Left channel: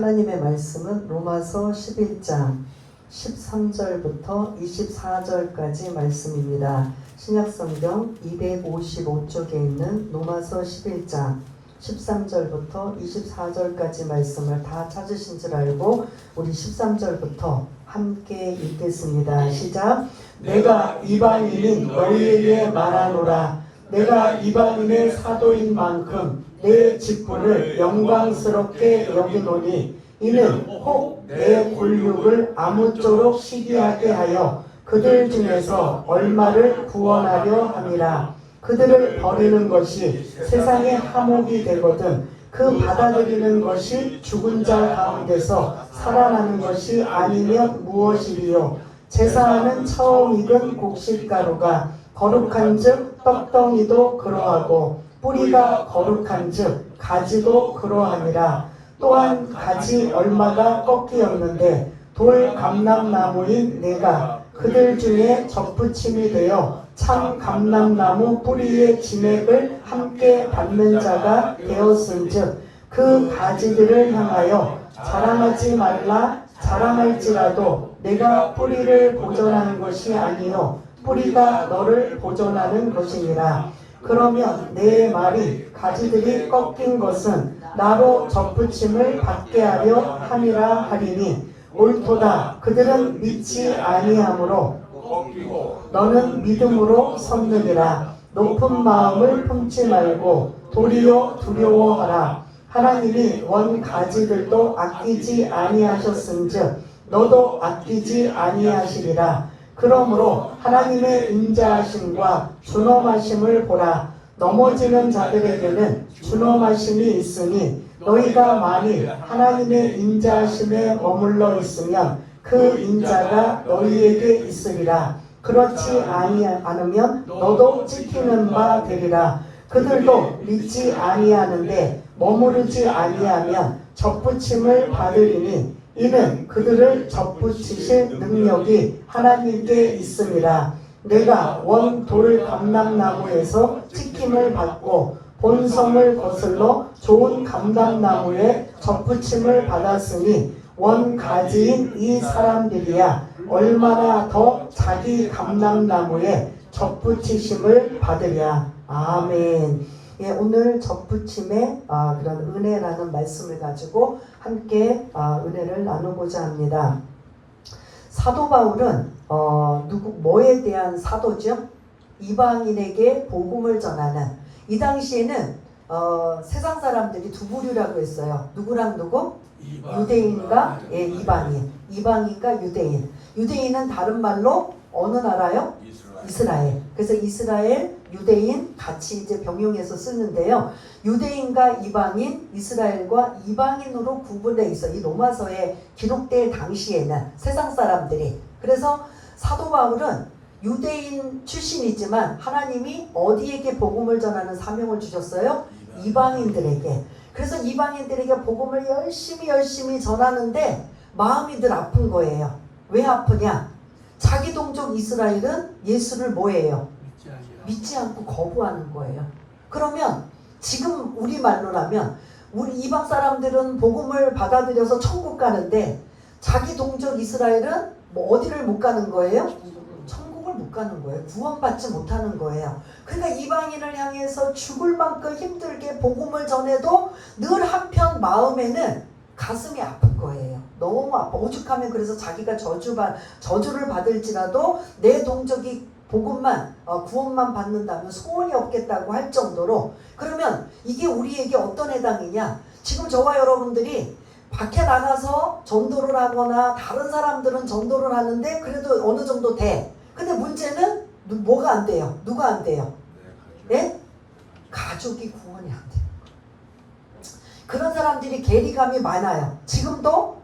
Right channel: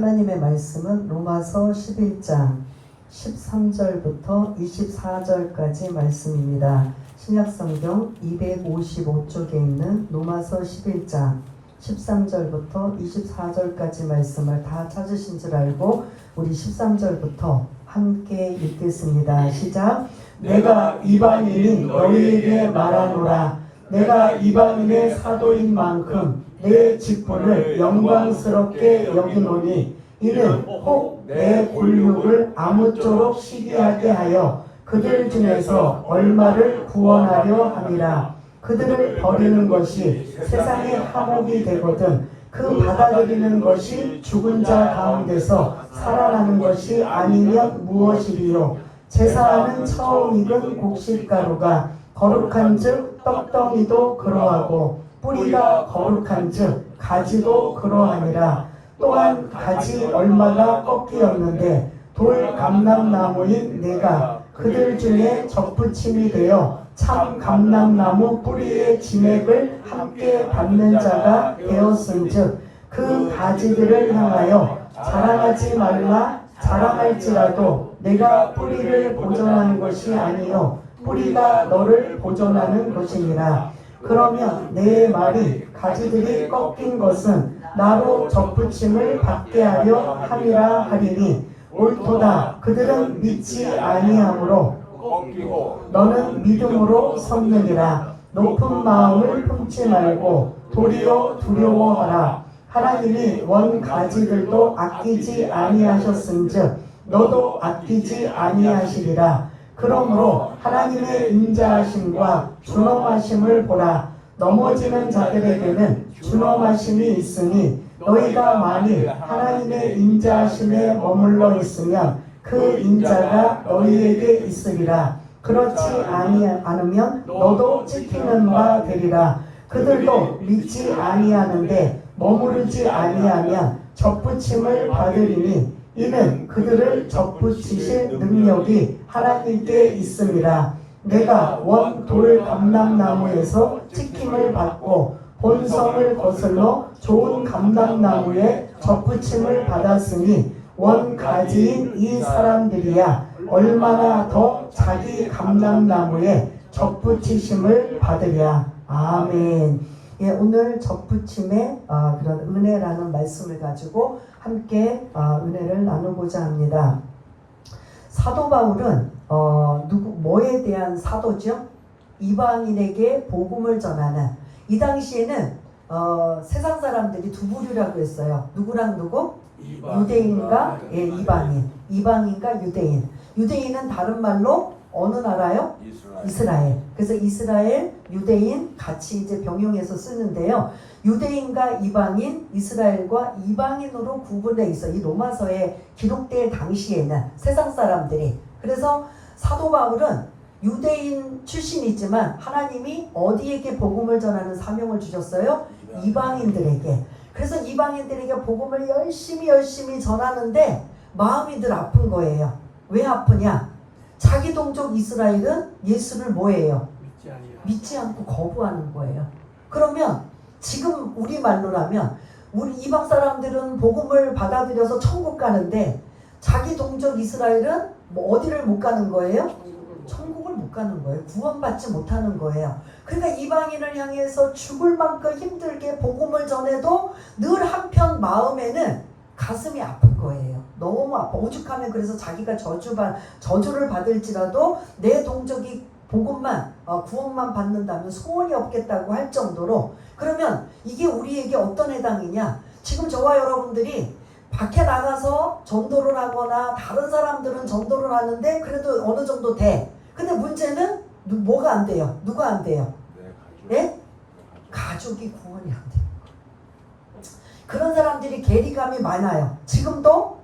하나님의 말씀은 로마서 11장 13절부터 24절까지 말씀입니다. 신약성경 255쪽에 있는 로마서 11장 13절부터 24절까지 말씀을 다 찾으신 줄 알고 우리 13절부터 함께 읽겠습니다. 시작. 내가 이방인인 너희에게 말하노라. 내가 이방인의 사도인 만큼 내 직분을 영광스럽게 여기노니 이는 혹 내 굴욕을 아무쪼록 시기하게 하여 그들 중에서 얼마를 구원하려 함이라. 그들을 버리는 것이 세상의 한몫이 되거든 그 받아들이는 것이 죽은 자 가운데서 살아나는 것이 아니면 무엇이리요. 제사하는 처음 익은 곡식가루가 거룩한즉 떡덩이도 그러하고 뿌리가 거룩한즉 가지도 그러함이라. 또한 가지 얼마가 꺾이었는데 돌 감람나무인 내가 그들 중에 접붙임이 되어 참 감람나무 뿌리의 진액을 함께 받는 자가 되었은즉 그 가지들을 향하여 자랑하지 말라. 자랑할지라도 내가 뿌리를 보존하는 것이 아니요 뿌리가 너를 보존하는 것이니라. 그러면 내 말이 가지들이 꺾인 것은 나로 접붙임을 받게 하려 함이라 하리니 옳도다. 그들은 믿지 아니하므로 너는 믿음으로 섰느니라. 높은 마음을 품지 말고 도리어 두려워하라. 하나님이 원 가지들도 아끼지 아니하셨은즉 너도 아끼지 아니하시리라. 그러므로 하나님의 인자하심과 준엄하심을 보라. 넘어지는 자들에게는 준엄하심이 있으니 너희가 만일 하나님의 인자하심에 머물러 있으면 그 인자가 너희에게 있으리라. 그렇지 않으면 너도 찢기는 바 되리라. 그들도 믿지 아니하는데 머무르지 아니하면 접붙임을 받으리니 이는 그들을 접붙이실 능력이 하나님께 있음이라. 내가 원 돌 감람나무에서 찍힘을 받고 본성을 거슬러 좋은 감람나무에 접붙임을 받았으니 원 가지인 이 사람들이야 얼마나 더 자기 감람나무에 접붙이심을 받으랴. 아멘. 예, 오늘 접붙임의 그런 은혜라는 말씀을 가지고 함께 은혜를 나누고자 합니다. 사도 바울은 뭐에 대한 사도죠? 이방인에게 복음을 전하는. 이 당시에는 세상 사람들이 두 부류라고 했어요. 누구랑 누구? 유대인과 이방인. 이방인과 유대인. 유대인은 다른 말로 어느 나라요? 이스라엘. 그래서 이스라엘, 유대인 같이 이제 병용해서 쓰는데요. 유대인과 이방인, 이스라엘과 이방인으로 구분되어 있어. 이 로마서에 기록될 당시에는 세상 사람들이. 그래서 사도 바울은 유대인 출신이지만 하나님이 어디에게 복음을 전하는 사명을 주셨어요? 이방인들에게. 그래서 이방인들에게 복음을 열심히 전하는데 마음이 늘 아픈 거예요. 왜 아프냐? 자기 동족 이스라엘은 예수를 뭐예요? 믿지 않고 거부하는 거예요. 그러면 지금 우리 말로라면 우리 이방 사람들은 복음을 받아들여서 천국 가는데 자기 동족 이스라엘은 뭐 어디를 못 가는 거예요? 천국을 못 가는 거예요. 구원받지 못하는 거예요. 그러니까 이방인을 향해서 죽을 만큼 힘들게 복음을 전해도 늘 한편 마음에는 가슴이 아픈 거예요. 너무 아파. 오죽하면 그래서 자기가 저주를 받을지라도 내 동족이 복음만 구원만 받는다면 소원이 없겠다고 할 정도로. 그러면 이게 우리에게 어떤 해당이냐? 지금 저와 여러분들이 밖에 나가서 전도를 하거나 다른 사람들은 전도를 하는데 그래도 어느 정도 돼. 근데 문제는 뭐가 안 돼요? 누가 안 돼요? 예? 가족이 구원이 안 돼요. 그런 사람들이 괴리감이 많아요. 지금도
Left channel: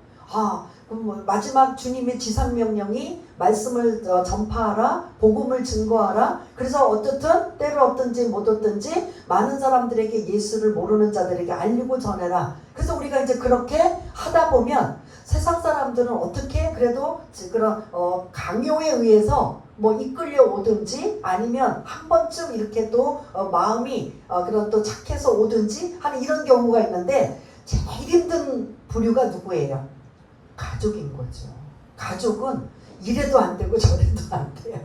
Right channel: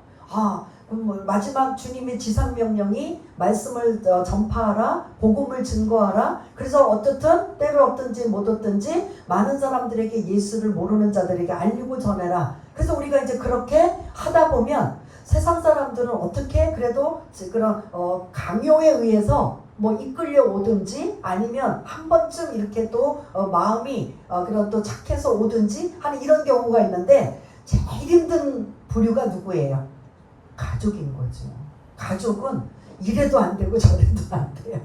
마지막 주님의 지상명령이 말씀을 전파하라, 복음을 증거하라. 그래서 어떻든 때를 얻든지 못 얻든지 많은 사람들에게 예수를 모르는 자들에게 알리고 전해라. 그래서 우리가 이제 그렇게 하다 보면 세상 사람들은 어떻게 그래도 그런 강요에 의해서 뭐 이끌려 오든지 아니면 한 번쯤 이렇게 또 마음이 그런 또 착해서 오든지 하는 이런 경우가 있는데 제일 힘든 부류가 누구예요? 가족인 거죠. 가족은 이래도 안 되고 저래도 안 돼요.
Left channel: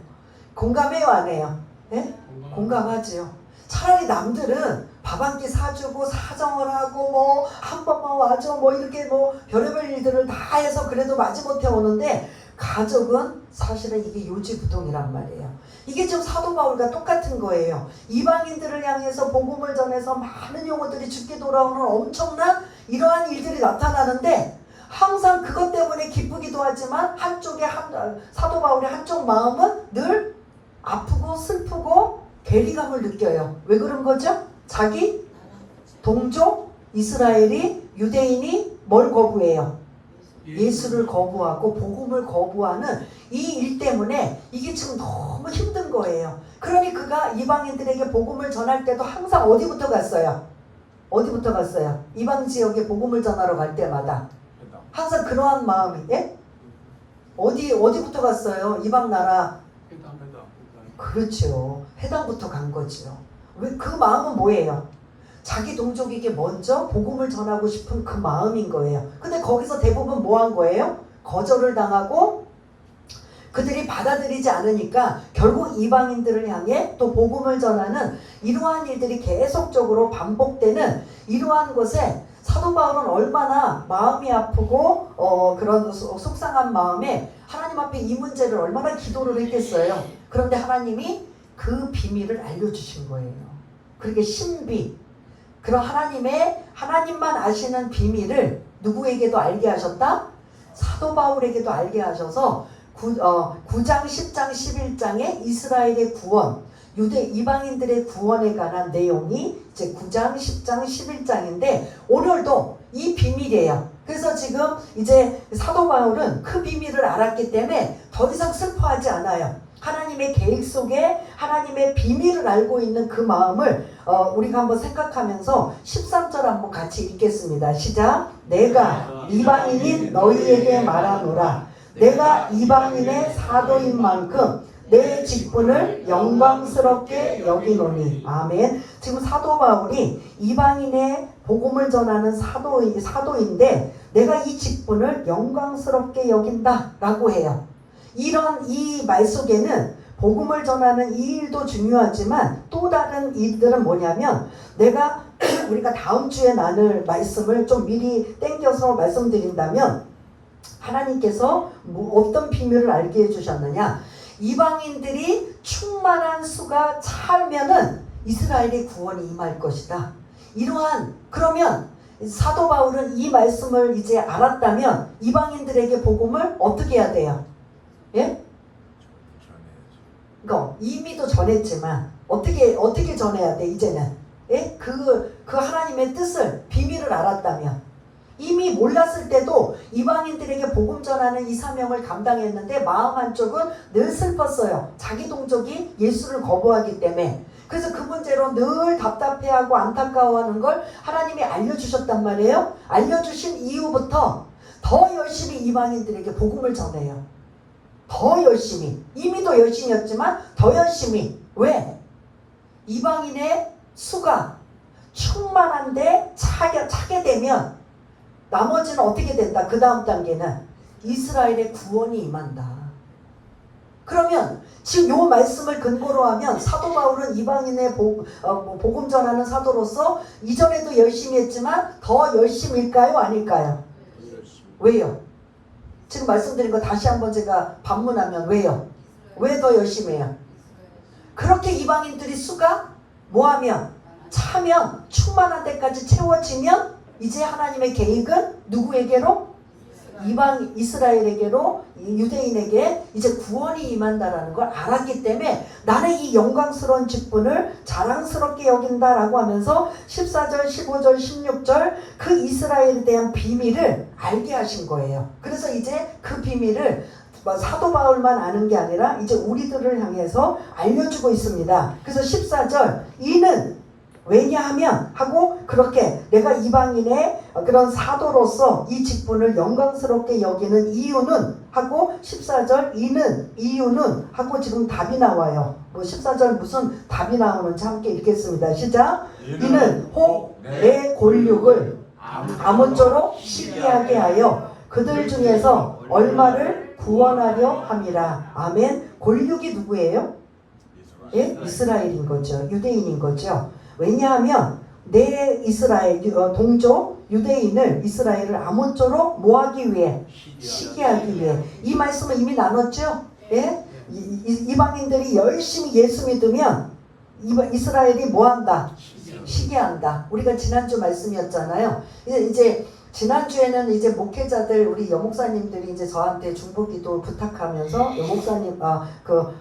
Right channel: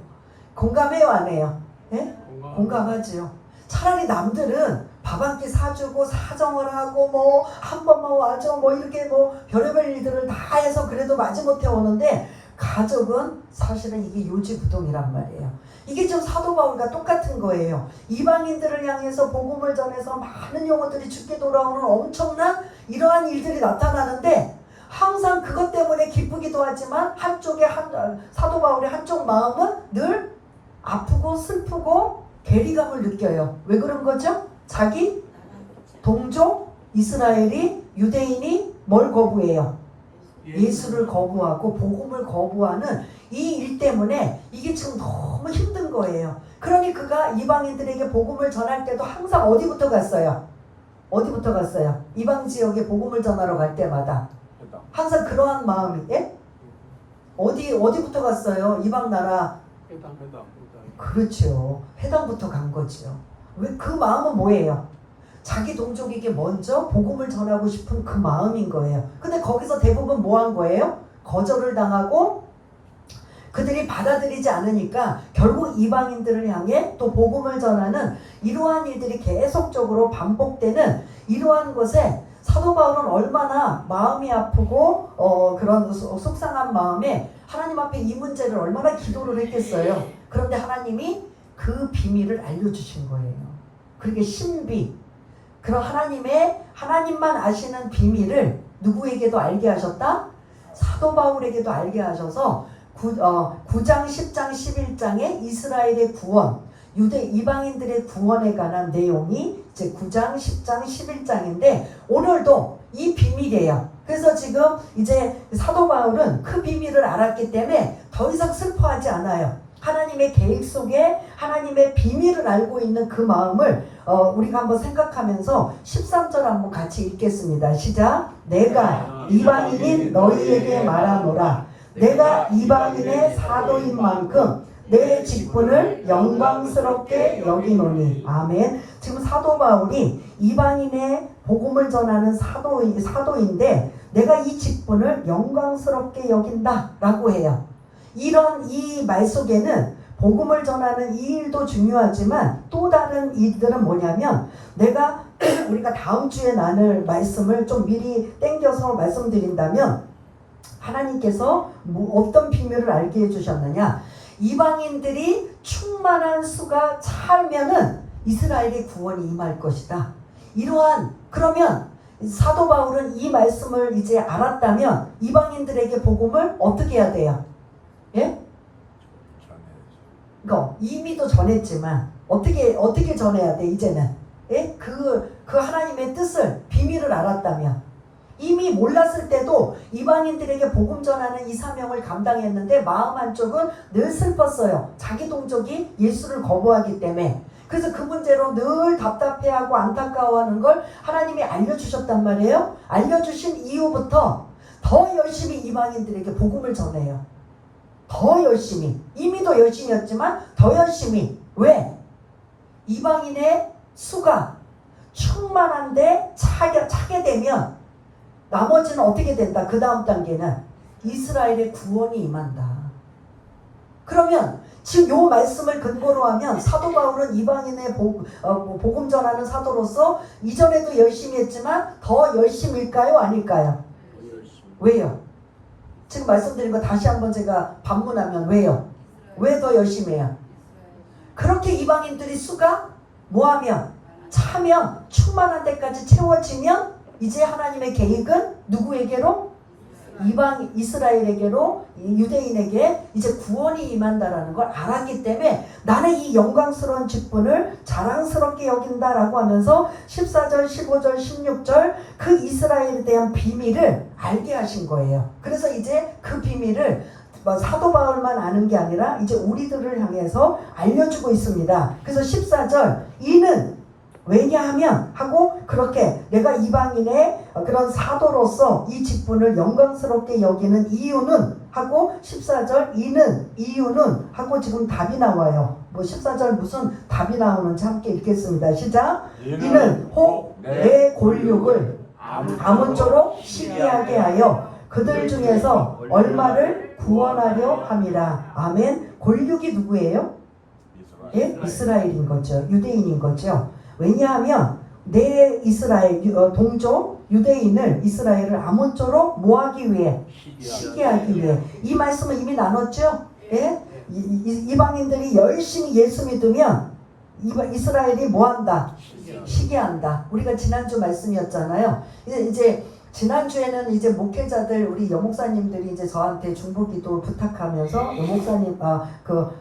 공감해요, 안 해요? 예? 공감하죠. 차라리 남들은 밥 한 끼 사주고 사정을 하고 뭐 한 번만 와줘 뭐 이렇게 뭐 별의별 일들을 다 해서 그래도 마지못해 오는데, 가족은 사실은 이게 요지부동이란 말이에요. 이게 지금 사도 바울과 똑같은 거예요. 이방인들을 향해서 복음을 전해서 많은 영혼들이 죽게 돌아오는 엄청난 이러한 일들이 나타나는데, 항상 그것 때문에 기쁘기도 하지만 사도 바울의 한쪽 마음은 늘 아프고 슬프고 괴리감을 느껴요. 왜 그런 거죠? 자기 동족 이스라엘이, 유대인이 뭘 거부해요? 예수를 거부하고 복음을 거부하는 이 일 때문에 이게 지금 너무 힘든 거예요. 그러니 그가 이방인들에게 복음을 전할 때도 항상 어디부터 갔어요? 어디부터 갔어요? 이방 지역에 복음을 전하러 갈 때마다 항상 그러한 마음이, 예? 어디부터 갔어요? 이방 나라. 그렇죠. 회당부터 간 거죠. 왜? 그 마음은 뭐예요? 자기 동족에게 먼저 복음을 전하고 싶은 그 마음인 거예요. 근데 거기서 대부분 뭐 한 거예요? 거절을 당하고 그들이 받아들이지 않으니까 결국 이방인들을 향해 또 복음을 전하는 이러한 일들이 계속적으로 반복되는 이러한 것에 사도 바울은 얼마나 마음이 아프고 그런 속상한 마음에 하나님 앞에 이 문제를 얼마나 기도를 했겠어요. 그런데 하나님이 그 비밀을 알려주신 거예요. 그렇게 신비, 그런 하나님만 아시는 비밀을 누구에게도 알게 하셨다? 사도 바울에게도 알게 하셔서 9장, 10장, 11장의 이스라엘의 구원, 유대 이방인들의 구원에 관한 내용이 이제 9장, 10장, 11장인데 오늘도 이 비밀이에요. 그래서 지금 이제 사도 바울은 그 비밀을 알았기 때문에 더 이상 슬퍼하지 않아요. 하나님의 계획 속에 하나님의 비밀을 알고 있는 그 마음을 우리가 한번 생각하면서 13절 한번 같이 읽겠습니다. 시작. 내가 이방인인 너희에게 말하노라. 내가 이방인의 사도인 만큼 내 직분을 영광스럽게 여기노니. 아멘. 지금 사도 바울이 이방인의 복음을 전하는 사도인데 내가 이 직분을 영광스럽게 여긴다라고 해요. 이런 이 말 속에는 복음을 전하는 이 일도 중요하지만 또 다른 일들은 뭐냐면, 우리가 다음 주에 나눌 말씀을 좀 미리 땡겨서 말씀드린다면, 하나님께서 어떤 비밀을 알게 해주셨느냐, 이방인들이 충만한 수가 차면은 이스라엘의 구원이 임할 것이다. 그러면 사도 바울은 이 말씀을 이제 알았다면 이방인들에게 복음을 어떻게 해야 돼요? 예? 그러니까 이미도 전했지만 어떻게 전해야 돼 이제는? 예? 그 하나님의 뜻을, 비밀을 알았다면, 이미 몰랐을 때도 이방인들에게 복음 전하는 이 사명을 감당했는데 마음 한쪽은 늘 슬펐어요. 자기 동족이 예수를 거부하기 때문에. 그래서 그 문제로 늘 답답해하고 안타까워하는 걸 하나님이 알려주셨단 말이에요. 알려주신 이후부터 더 열심히 이방인들에게 복음을 전해요. 더 열심히. 이미도 열심이었지만 더 열심히. 왜? 이방인의 수가 충만한데 차게 되면 나머지는 어떻게 된다? 그 다음 단계는 이스라엘의 구원이 임한다. 그러면 지금 요 말씀을 근거로 하면 사도 바울은 이방인의 복음 전하는 사도로서 이전에도 열심히 했지만 더 열심일까요? 아닐까요? 왜요? 지금 말씀드린 거 다시 한번 제가 반문하면 왜요? 왜 더 열심히 해요? 그렇게 이방인들이 수가 뭐하면? 차면, 충만한 데까지 채워지면 이제 하나님의 계획은 누구에게로? 이스라엘에게로, 유대인에게 이제 구원이 임한다라는 걸 알았기 때문에 나는 이 영광스러운 직분을 자랑스럽게 여긴다라고 하면서 14절, 15절, 16절 그 이스라엘에 대한 비밀을 알게 하신 거예요. 그래서 이제 그 비밀을 사도 바울만 아는 게 아니라 이제 우리들을 향해서 알려주고 있습니다. 그래서 14절, 이는 왜냐하면 하고, 그렇게 내가 이방인의 그런 사도로서 이 직분을 영광스럽게 여기는 이유는 하고, 14절 이유는 하고 지금 답이 나와요. 14절 무슨 답이 나오는지 함께 읽겠습니다. 시작. 이는 혹 내 골육을 아무쪼록 시기하게 하여 그들 중에서 얼마를 구원하려 함이라. 아멘. 골육이 누구예요? 예? 이스라엘인 거죠. 유대인인 거죠. 왜냐하면 내 이스라엘 동족 유대인을 이스라엘을 아무쪼록 뭐하기 위해? 시기하기 위해. 이 말씀을 이미 나눴죠. 예? 이방인들이 열심히 예수 믿으면 이스라엘이 뭐한다? 시기한다. 우리가 지난주 말씀이었잖아요. 이제 지난주에는 이제 목회자들 우리 여목사님들이 이제 저한테 중보기도 부탁하면서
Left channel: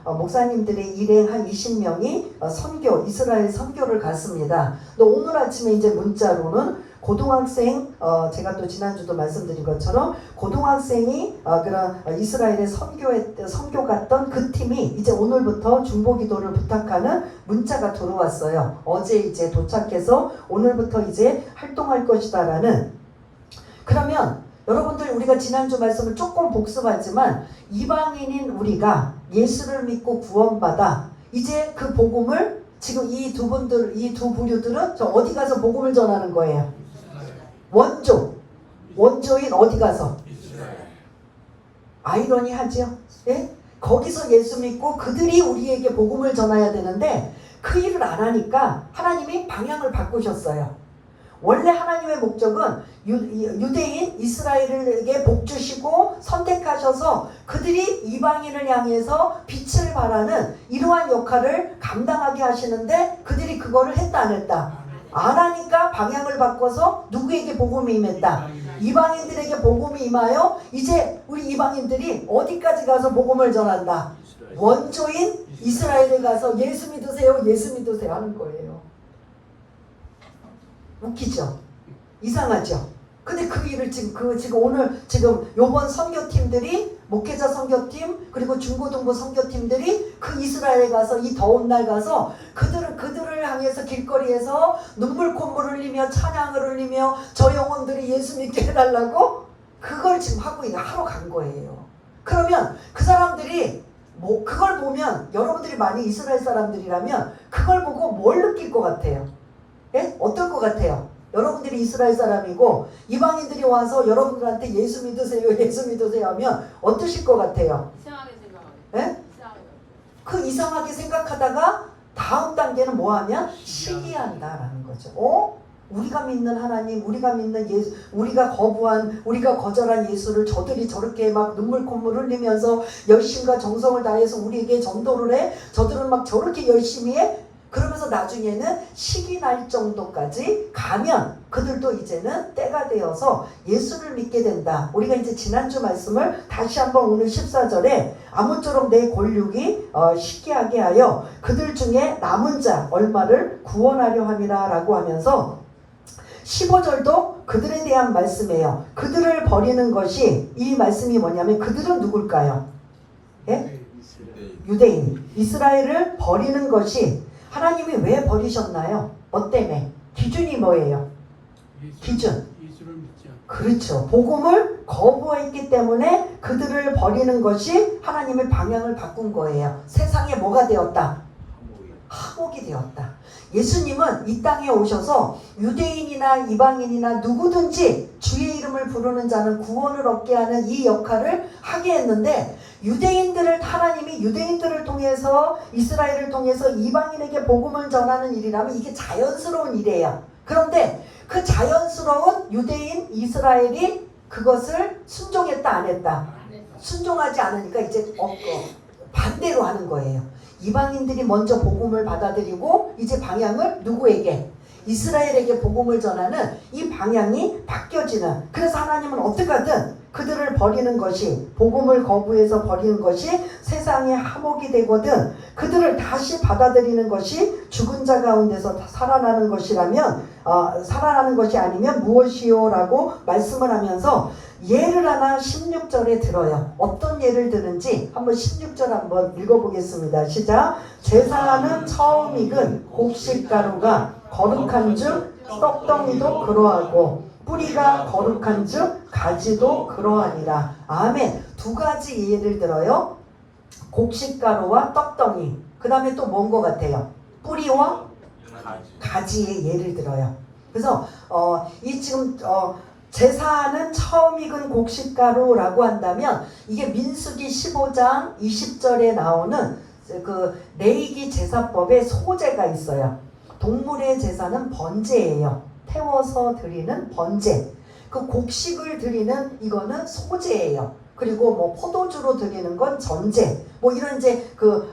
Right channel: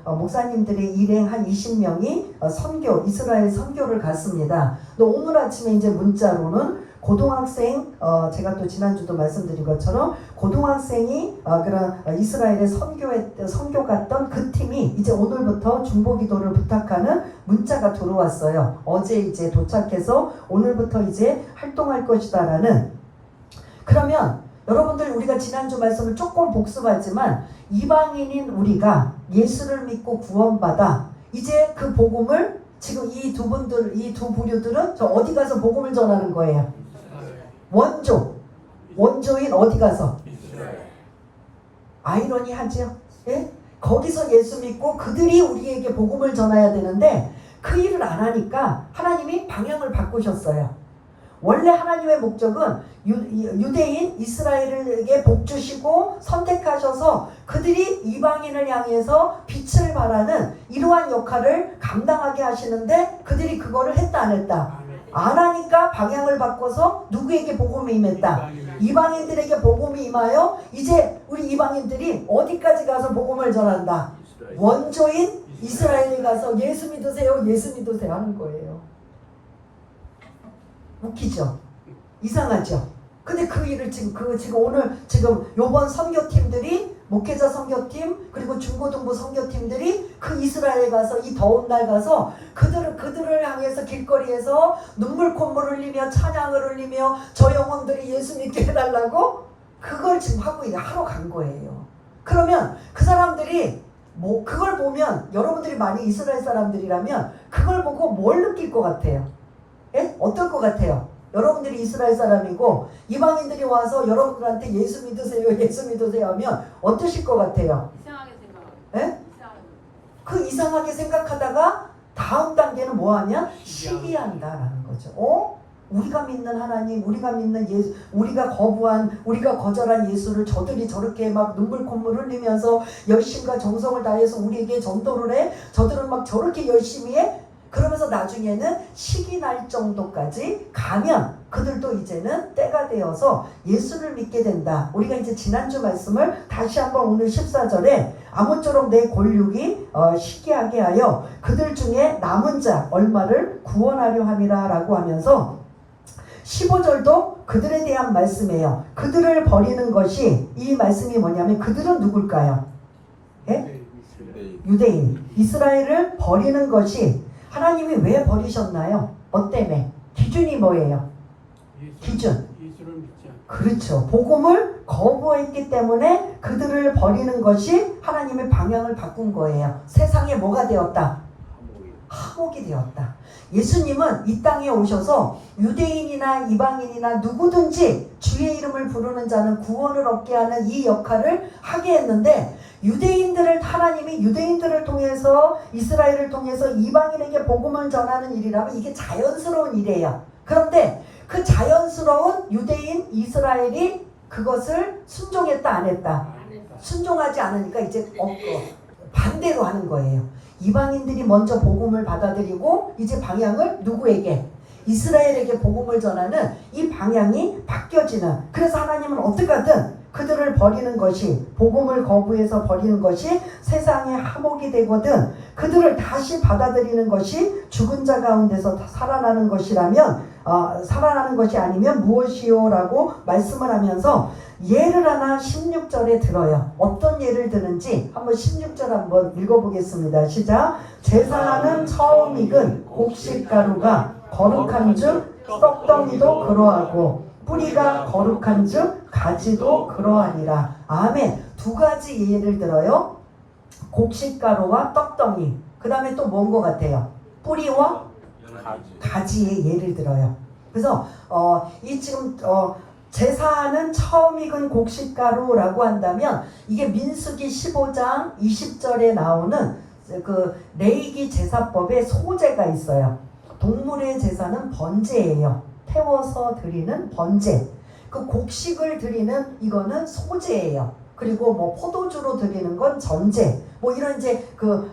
목사님들이 일행 한 20명이 선교 이스라엘 선교를 갔습니다. 근데 오늘 아침에 이제 문자로는 고등학생 제가 또 지난주도 말씀드린 것처럼 고등학생이 그런 이스라엘에 선교 갔던 그 팀이 이제 오늘부터 중보기도를 부탁하는 문자가 들어왔어요. 어제 이제 도착해서 오늘부터 이제 활동할 것이다라는. 그러면 여러분들 우리가 지난주 말씀을 조금 복습하지만 이방인인 우리가 예수를 믿고 구원받아 이제 그 복음을 지금 이 두 부류들은 저 어디 가서 복음을 전하는 거예요? 원조인 어디 가서? 아이러니하죠? 예? 거기서 예수 믿고 그들이 우리에게 복음을 전해야 되는데 그 일을 안 하니까 하나님이 방향을 바꾸셨어요. 원래 하나님의 목적은 유대인 이스라엘에게 복 주시고 선택하셔서 그들이 이방인을 향해서 빛을 발하는 이러한 역할을 감당하게 하시는데 그들이 그거를 했다 안 했다? 안 하니까 방향을 바꿔서 누구에게 복음이 임했다? 이방인들에게 복음이 임하여 이제 우리 이방인들이 어디까지 가서 복음을 전한다? 원조인 이스라엘에 가서 예수 믿으세요 하는 거예요. 웃기죠? 이상하죠? 근데 그 일을 지금 오늘 요번 선교팀들이 목회자 선교팀 그리고 중고등부 선교팀들이 그 이스라엘에 가서 이 더운 날 가서 그들을 향해서 길거리에서 눈물 콧물 흘리며 찬양을 흘리며 저 영혼들이 예수 믿게 해달라고 그걸 지금 하러 간 거예요. 그러면 그 사람들이 그걸 보면 여러분들이 많이 이스라엘 사람들이라면 그걸 보고 뭘 느낄 것 같아요? 예? 어떨 것 같아요? 여러분들이 이스라엘 사람이고 이방인들이 와서 여러분들한테 예수 믿으세요 하면 어떠실 것 같아요? 이상하게 생각하고. 예? 그 이상하게 생각하다가 다음 단계는 뭐하냐? 시기한다라는 거죠. 우리가 믿는 하나님, 우리가 믿는 예수, 우리가 거절한 예수를 저들이 저렇게 막 눈물 콧물 흘리면서 열심과 정성을 다해서 우리에게 전도를 해. 저들은 막 저렇게 열심히 해. 그러면서 나중에는 시기 날 정도까지 가면 그들도 이제는 때가 되어서 예수를 믿게 된다. 우리가 이제 지난주 말씀을 다시 한번 오늘 14절에 아무쪼록 내 골육이 시기하게 하여 그들 중에 남은 자 얼마를 구원하려 함이라 라고 하면서 15절도 그들에 대한 말씀이에요. 그들을 버리는 것이 이 말씀이 뭐냐면 그들은 누굴까요? 예? 유대인. 이스라엘을 버리는 것이 하나님이 왜 버리셨나요? 뭐 때문에? 기준이 뭐예요? 기준. 그렇죠. 복음을 거부했기 때문에 그들을 버리는 것이 하나님의 방향을 바꾼 거예요. 세상에 뭐가 되었다? 하복이 되었다. 예수님은 이 땅에 오셔서 유대인이나 이방인이나 누구든지 주의 이름을 부르는 자는 구원을 얻게 하는 이 역할을 하게 했는데 하나님이 유대인들을 통해서 이스라엘을 통해서 이방인에게 복음을 전하는 일이라면 이게 자연스러운 일이에요. 그런데 그 자연스러운 유대인 이스라엘이 그것을 순종했다 안 했다? 순종하지 않으니까 이제 반대로 하는 거예요. 이방인들이 먼저 복음을 받아들이고 이제 방향을 누구에게? 이스라엘에게 복음을 전하는 이 방향이 바뀌어지는. 그래서 하나님은 어떻게 하든 그들을 버리는 것이 복음을 거부해서 버리는 것이 세상의 하복이 되거든 그들을 다시 받아들이는 것이 죽은 자 가운데서 살아나는 것이라면 살아나는 것이 아니면 무엇이요? 라고 말씀을 하면서 예를 하나 16절에 들어요. 어떤 예를 드는지 한번 16절 한번 읽어보겠습니다. 시작. 제사하는 처음 익은 곡식가루가 거룩한 즉 떡덩이도 그러하고 뿌리가 거룩한 즉 가지도 그러하니라. 아멘. 두 가지 예를 들어요. 곡식가루와 떡덩이. 그 다음에 또 뭔 것 같아요? 뿌리와 가지의 예를 들어요. 그래서 이 지금 제사하는 처음 익은 곡식가루라고 한다면 이게 민수기 15장 20절에 나오는 그 레위기 제사법에 소제가 있어요. 동물의 제사는 번제예요. 태워서 드리는 번제. 그 곡식을 드리는 이거는 소제예요. 그리고 뭐 포도주로 드리는 건 전제. 뭐 이런 이제 그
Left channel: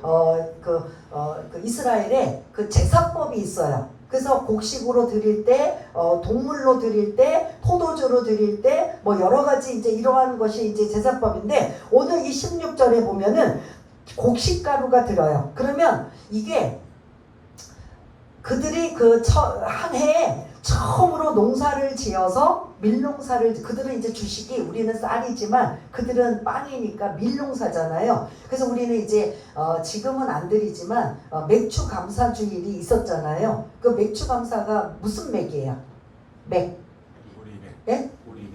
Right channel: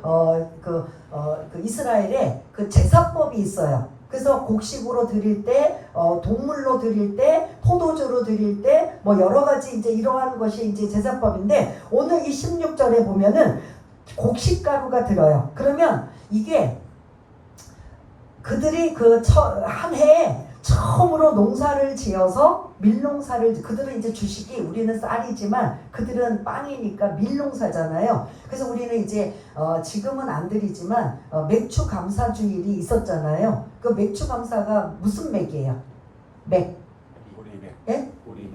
이스라엘에 그 제사법이 있어요. 그래서 곡식으로 드릴 때, 동물로 드릴 때, 포도주로 드릴 때, 뭐 여러 가지 이제 이러한 것이 이제 제사법인데 오늘 이 16절에 보면은 곡식가루가 들어요. 그러면 이게 그들이 한 해에 처음으로 농사를 지어서 밀농사를 그들은 이제 주식이 우리는 쌀이지만 그들은 빵이니까 밀농사잖아요. 그래서 우리는 이제 지금은 안 드리지만 맥주 감사 주일이 있었잖아요. 그 맥주 감사가 무슨 맥이에요? 맥. 예?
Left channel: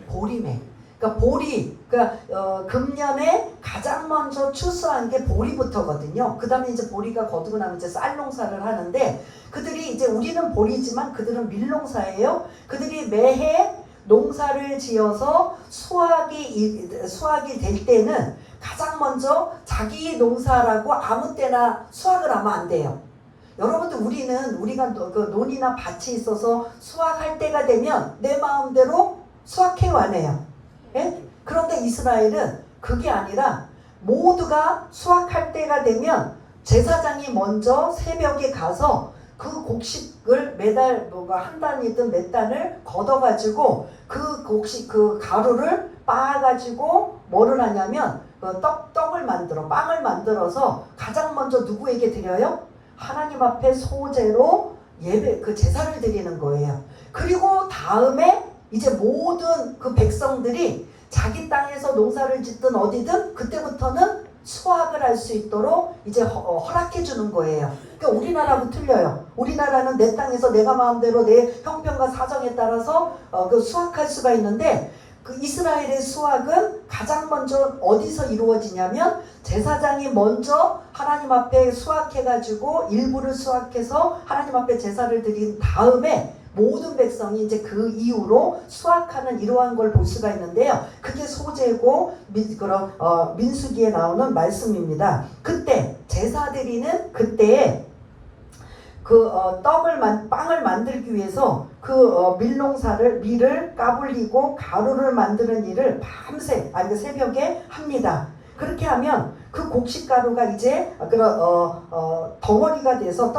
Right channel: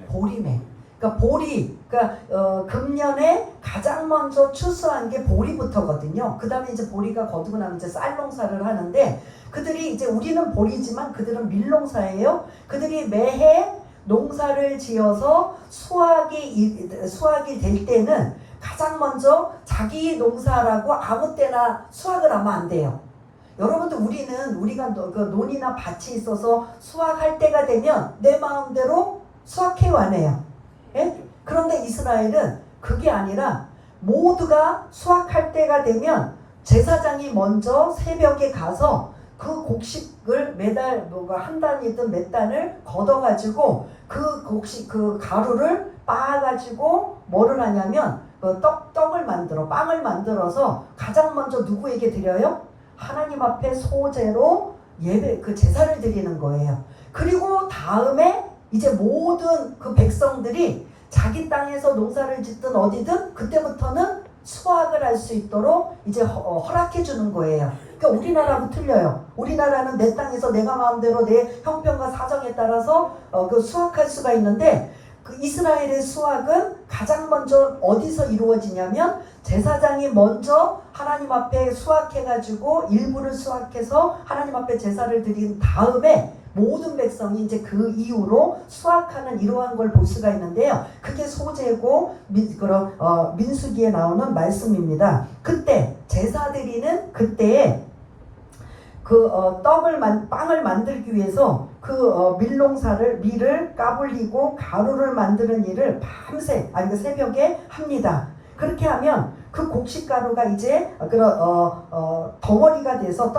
보리맥. 그러니까 보리. 그러니까 금년에 가장 먼저 추수한 게 보리부터거든요. 그다음에 이제 보리가 거두고 나면 이제 쌀 농사를 하는데 그들이 이제 우리는 보리지만 그들은 밀농사예요. 그들이 매해 농사를 지어서 수확이 될 때는 가장 먼저 자기 농사라고 아무 때나 수확을 하면 안 돼요. 여러분들 우리가 그 논이나 밭이 있어서 수확할 때가 되면 내 마음대로 수확해 와내요. 예? 그런데 이스라엘은 그게 아니라 모두가 수확할 때가 되면 제사장이 먼저 새벽에 가서 그 곡식을 매달 한 단이든 몇 단을 걷어가지고 그 곡식 그 가루를 빻아가지고 뭐를 하냐면 떡을 만들어 빵을 만들어서 가장 먼저 누구에게 드려요? 하나님 앞에 소제로 예배 그 제사를 드리는 거예요. 그리고 다음에 이제 모든 그 백성들이 자기 땅에서 농사를 짓든 어디든 그때부터는 수확을 할 수 있도록 이제 허락해 주는 거예요. 그러니까 우리나라하고 틀려요. 우리나라는 내 땅에서 내가 마음대로 내 형편과 사정에 따라서 그 수확할 수가 있는데 그 이스라엘의 수확은 가장 먼저 어디서 이루어지냐면 제사장이 먼저 하나님 앞에 수확해가지고 일부를 수확해서 하나님 앞에 제사를 드린 다음에 모든 백성이 이제 그 이후로 수확하는 이러한 걸 볼 수가 있는데요. 그게 소제고 민수기에 나오는 말씀입니다. 그때 제사 드리는 그때에 빵을 만들기 위해서 밀을 까불리고 가루를 만드는 일을 밤새 새벽에 합니다. 그렇게 하면 그 곡식가루가 이제 덩어리가 돼서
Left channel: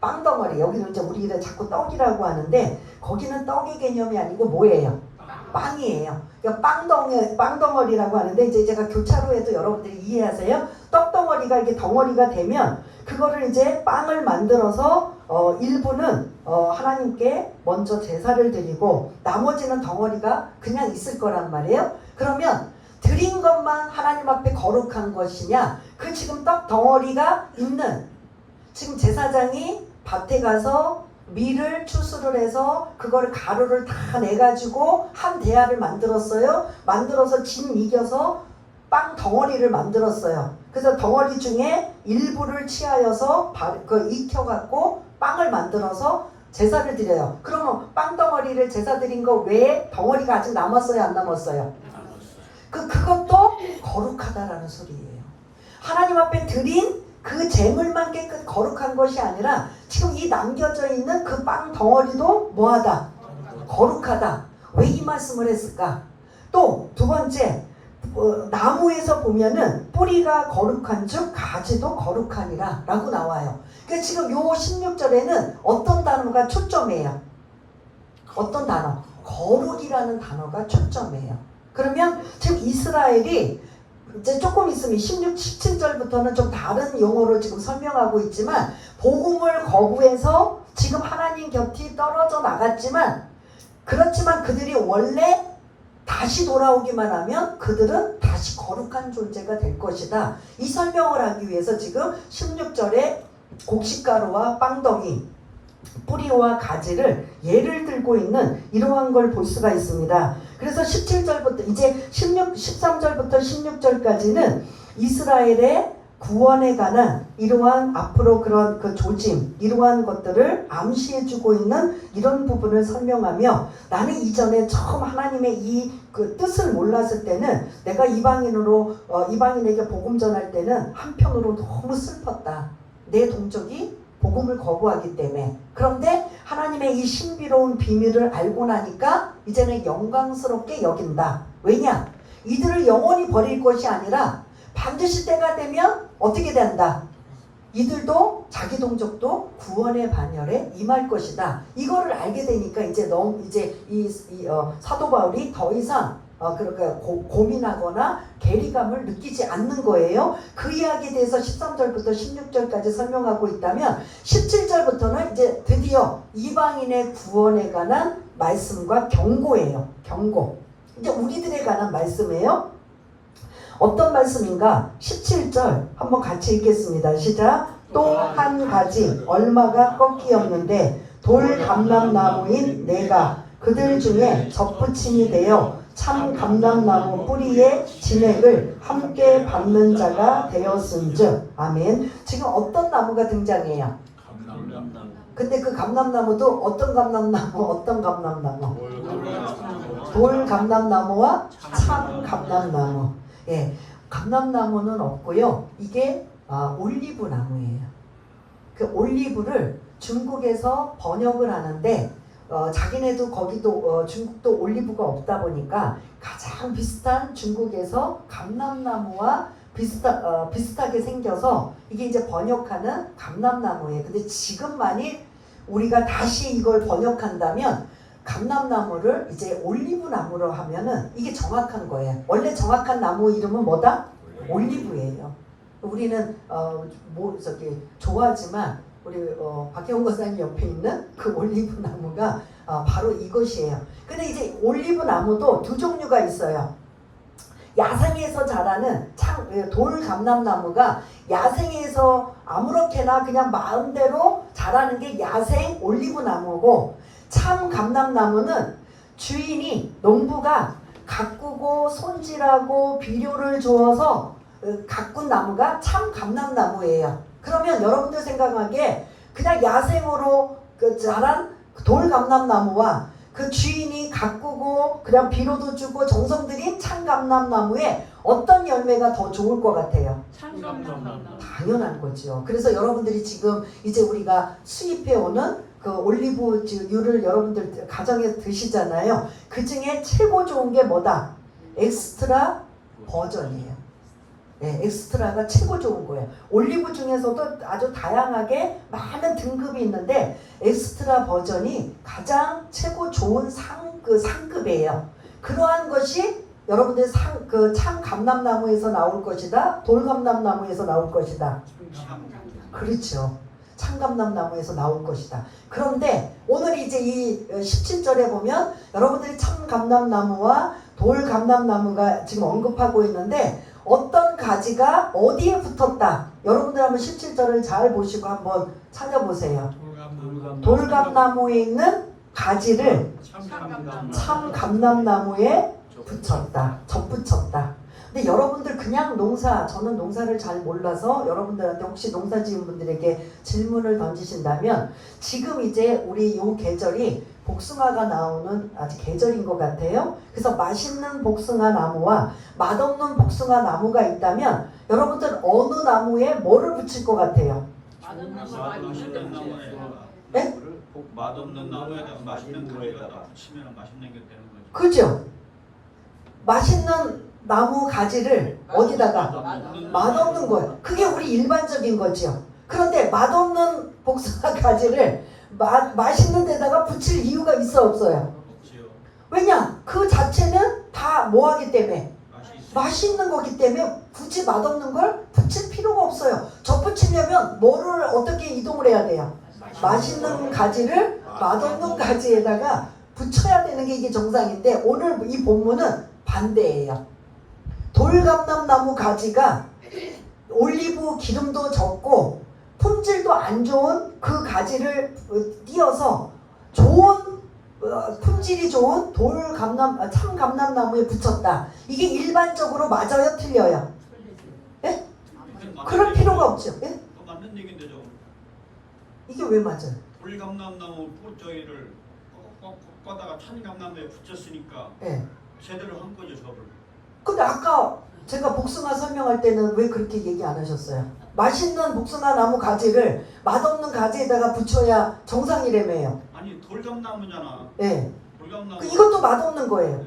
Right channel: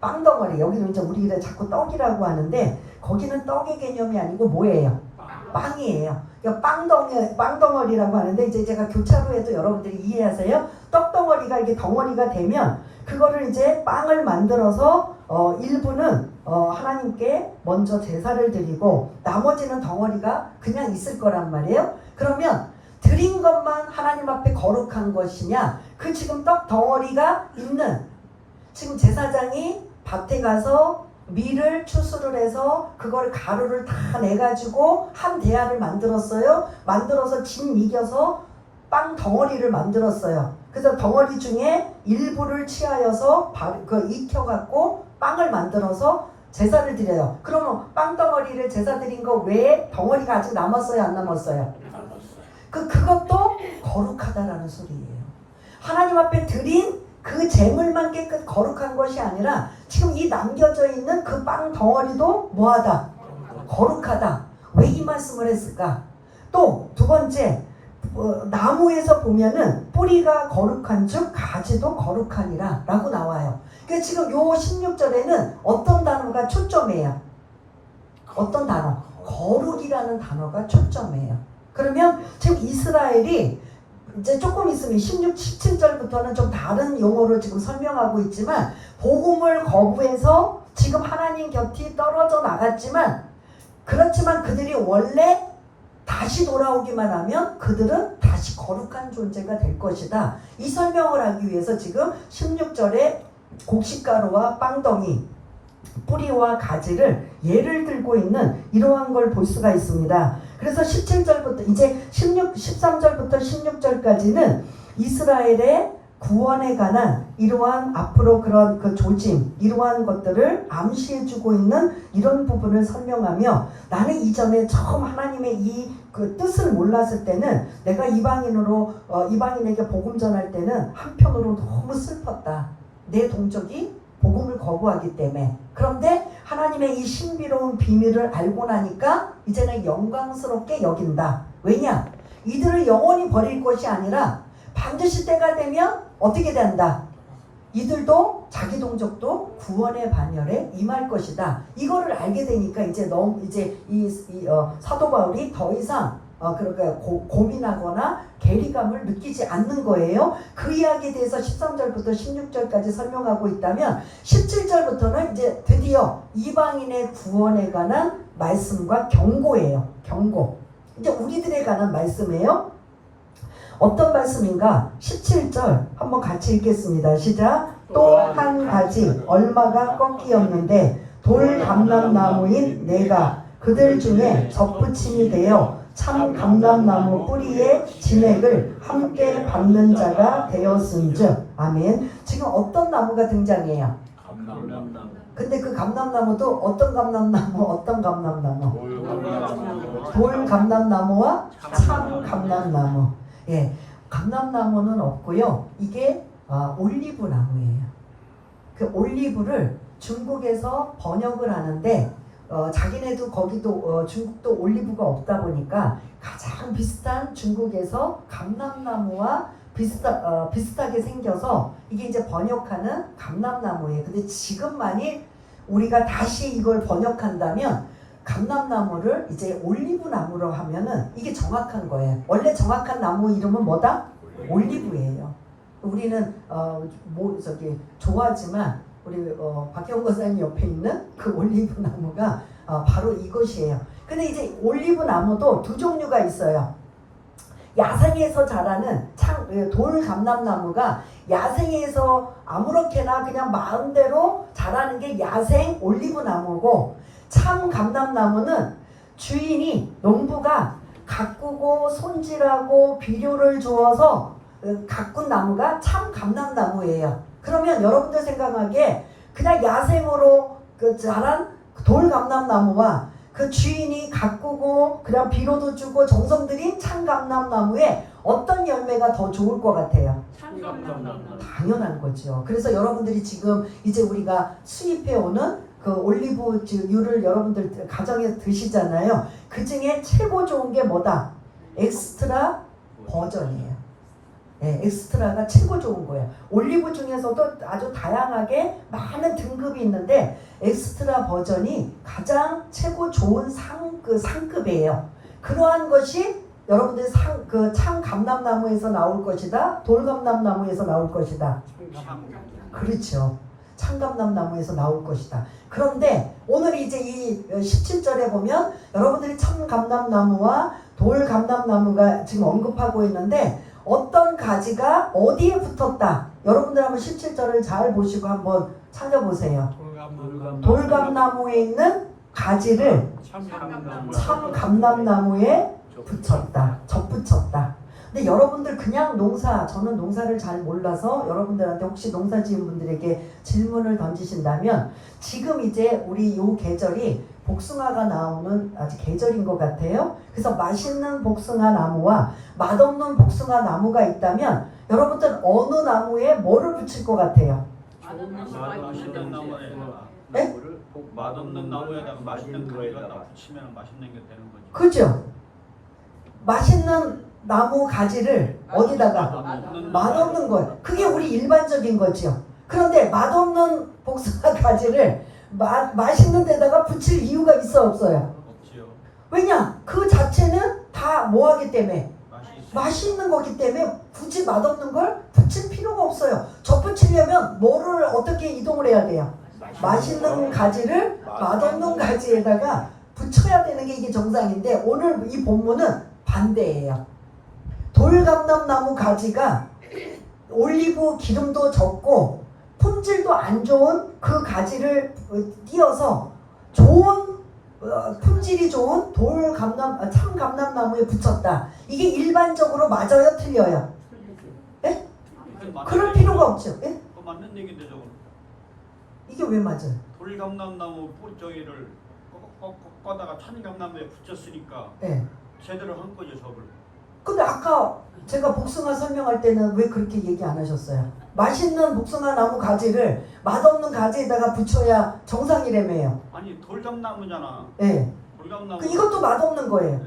빵덩어리, 여기는 이제 우리가 자꾸 떡이라고 하는데 거기는 떡의 개념이 아니고 뭐예요? 빵이에요. 그러니까 빵덩어리라고 하는데 이제 제가 교차로에도 여러분들이 이해하세요? 떡덩어리가 이게 덩어리가 되면 그거를 이제 빵을 만들어서 일부는 하나님께 먼저 제사를 드리고 나머지는 덩어리가 그냥 있을 거란 말이에요. 그러면 드린 것만 하나님 앞에 거룩한 것이냐? 그 지금 떡 덩어리가 있는 지금 제사장이 밭에 가서 밀을 추수를 해서 그거를 가루를 다 내가지고 한 대야를 만들었어요. 만들어서 진 이겨서 빵 덩어리를 만들었어요. 그래서 덩어리 중에 일부를 취하여서 익혀갖고 빵을 만들어서 제사를 드려요. 그러면 빵 덩어리를 제사 드린 거 외에 덩어리가 아직 남았어요? 안 남았어요? 그것도 거룩하다라는 소리예요. 하나님 앞에 드린 그 재물만 깨끗 거룩한 것이 아니라 지금 이 남겨져 있는 그 빵 덩어리도 뭐하다? 거룩하다. 왜 이 말씀을 했을까? 또 두 번째, 나무에서 보면은 뿌리가 거룩한 즉 가지도 거룩하니라 라고 나와요. 그래서 지금 요 16절에는 어떤 단어가 초점이에요? 어떤 단어? 거룩이라는 단어가 초점이에요. 그러면 지금 이스라엘이 이제 조금 있으면 16, 17절부터는 좀 다른 용어로 지금 설명하고 있지만 복음을 거부해서 지금 하나님 곁이 떨어져 나갔지만 그렇지만 그들이 원래 다시 돌아오기만 하면 그들은 다시 거룩한 존재가 될 것이다. 이 설명을 하기 위해서 지금 16절에 곡식가루와 빵덩이 뿌리와 가지를 예를 들고 있는 이러한 걸 볼 수가 있습니다. 그래서 17절부터 이제 13절부터 16절까지는 이스라엘의 구원에 관한 이러한 앞으로 그런 그 조짐, 이러한 것들을 암시해주고 있는 이런 부분을 설명하며 나는 이전에 처음 하나님의 이 그 뜻을 몰랐을 때는 내가 이방인으로 이방인에게 복음 전할 때는 한편으로 너무 슬펐다. 내 동족이 복음을 거부하기 때문에. 그런데 하나님의 이 신비로운 비밀을 알고 나니까 이제는 영광스럽게 여긴다. 왜냐? 이들을 영원히 버릴 것이 아니라 반드시 때가 되면 어떻게 된다? 이들도 자기 동족도 구원의 반열에 임할 것이다. 이거를 알게 되니까 이제 사도 바울이 더 이상 그러니까 고민하거나 괴리감을 느끼지 않는 거예요. 그 이야기에 대해서 13절부터 16절까지 설명하고 있다면 17절부터는 이제 드디어 이방인의 구원에 관한 말씀과 경고예요. 경고. 이제 우리들에 관한 말씀이에요. 어떤 말씀인가? 17절 한번 같이 읽겠습니다. 시작. 또 한 가지 얼마가 꺾이었는데 돌 감람나무인 내가 그들 중에 접붙임이 되어 참 감람나무 뿌리의 진액을 함께 받는 자가 되었은즉. 아멘. 지금 어떤 나무가 등장해요? 감람나무. 근데 그 감람나무도 어떤 감람나무? 돌 감람나무와 참 감람나무. 예, 감람나무는 없고요. 이게 올리브 나무예요. 그 올리브를 중국에서 번역을 하는데 자기네도 거기도 중국도 올리브가 없다 보니까 가장 비슷한 중국에서 감람나무와 비슷하게 생겨서 이게 이제 번역하는 감람나무예요. 근데 지금 만일 우리가 다시 이걸 번역한다면 감람나무를 이제 올리브 나무로 하면은 이게 정확한 거예요. 원래 정확한 나무 이름은 뭐다? 올리브예요. 우리는 좋아하지만 우리 박형 권사님 옆에 있는 그 올리브 나무가 바로 이것이에요. 근데 이제 올리브 나무도 두 종류가 있어요. 야생에서 자라는 돌 감람나무가 야생에서 아무렇게나 그냥 마음대로 자라는 게 야생 올리브 나무고, 참 감람나무는 주인이 농부가 가꾸고 손질하고 비료를 주어서 가꾼 나무가 참 감람나무예요. 그러면 여러분들 생각하기에 그냥 야생으로 자란 돌 감람나무와 그 주인이 가꾸고 그냥 비료도 주고 정성 들인 참 감람나무에 어떤 열매가 더 좋을 것 같아요? 참 감람나무. 당연한 거죠. 그래서 여러분들이 지금 이제 우리가 수입해 오는 그 올리브유를 여러분들 가정에 드시잖아요. 그 중에 최고 좋은 게 뭐다? 엑스트라 버전이에요. 네, 엑스트라가 최고 좋은 거예요. 올리브 중에서도 아주 다양하게 많은 등급이 있는데 엑스트라 버전이 가장 최고 좋은 상급이에요. 그러한 것이 여러분들 참 감람나무에서 나올 것이다, 돌 감람나무에서 나올 것이다. 그렇죠. 참 감람나무에서 나올 것이다. 그런데 오늘 이제 이 17절에 보면 여러분들이 참 감람나무와 돌 감람나무가 지금 언급하고 있는데 어떤 가지가 어디에 붙었다. 여러분들 한번 17절을 잘 보시고 한번 찾아보세요. 돌감나무에 있는 가지를 참 감람나무에 붙였다. 접붙였다. 근데 여러분들 그냥 저는 농사를 잘 몰라서 여러분들한테 혹시 농사 지은 분들에게 질문을 던지신다면, 지금 이제 우리 요 계절이 복숭아가 나오는 아직 계절인 것 같아요. 그래서 맛있는 복숭아 나무와 맛없는 복숭아 나무가 있다면 여러분들 어느 나무에 뭐를 붙일 것 같아요? 맛있는 나무에다가 네? 맛없는 나무에다가 맛있는 가지가 붙이면 맛있는 게 되는 거죠. 그죠? 맛있는 나무 가지를 어디다가? 맛없는 거예요. 그게 우리 일반적인 거죠. 그런데 맛없는 복숭아 가지를 맛있는 데다가 붙일 이유가 있어 없어요? 없지요. 왜냐? 그 자체는 다 뭐하기 때문에? 맛있는 거기 때문에 굳이 맛없는 걸 붙일 필요가 없어요. 접붙이려면 뭐를 어떻게 이동을 해야 돼요? 맛있는 가지를 맛없는 가지에다가 붙여야 되는 게 이게 정상인데, 오늘 이 본문은 반대예요. 돌감람나무 가지가 올리브 기름도 적고 품질도 안 좋은 그 가지를 띄어서 좋은 품질이 좋은 참 감람나무에 붙였다. 이게 일반적으로 맞아요, 틀려요? 네? 그럴 필요가 없죠. 예? 그 맞는 얘기인데 저거. 이게 왜 맞아요? 돌감람나무 뿌리저기를 꺾다가 찬감나무에 붙였으니까 예. 제대로 한 거죠 저걸. 근데 아까 제가 복숭아 설명할 때는 왜 그렇게 얘기 안 하셨어요? 맛있는 복숭아 나무 가지를 맛없는 가지에다가 붙여야 정상이라며요. 아니 돌감나무잖아. 예. 돌감나무. 이것도 맛없는 거예요. 네.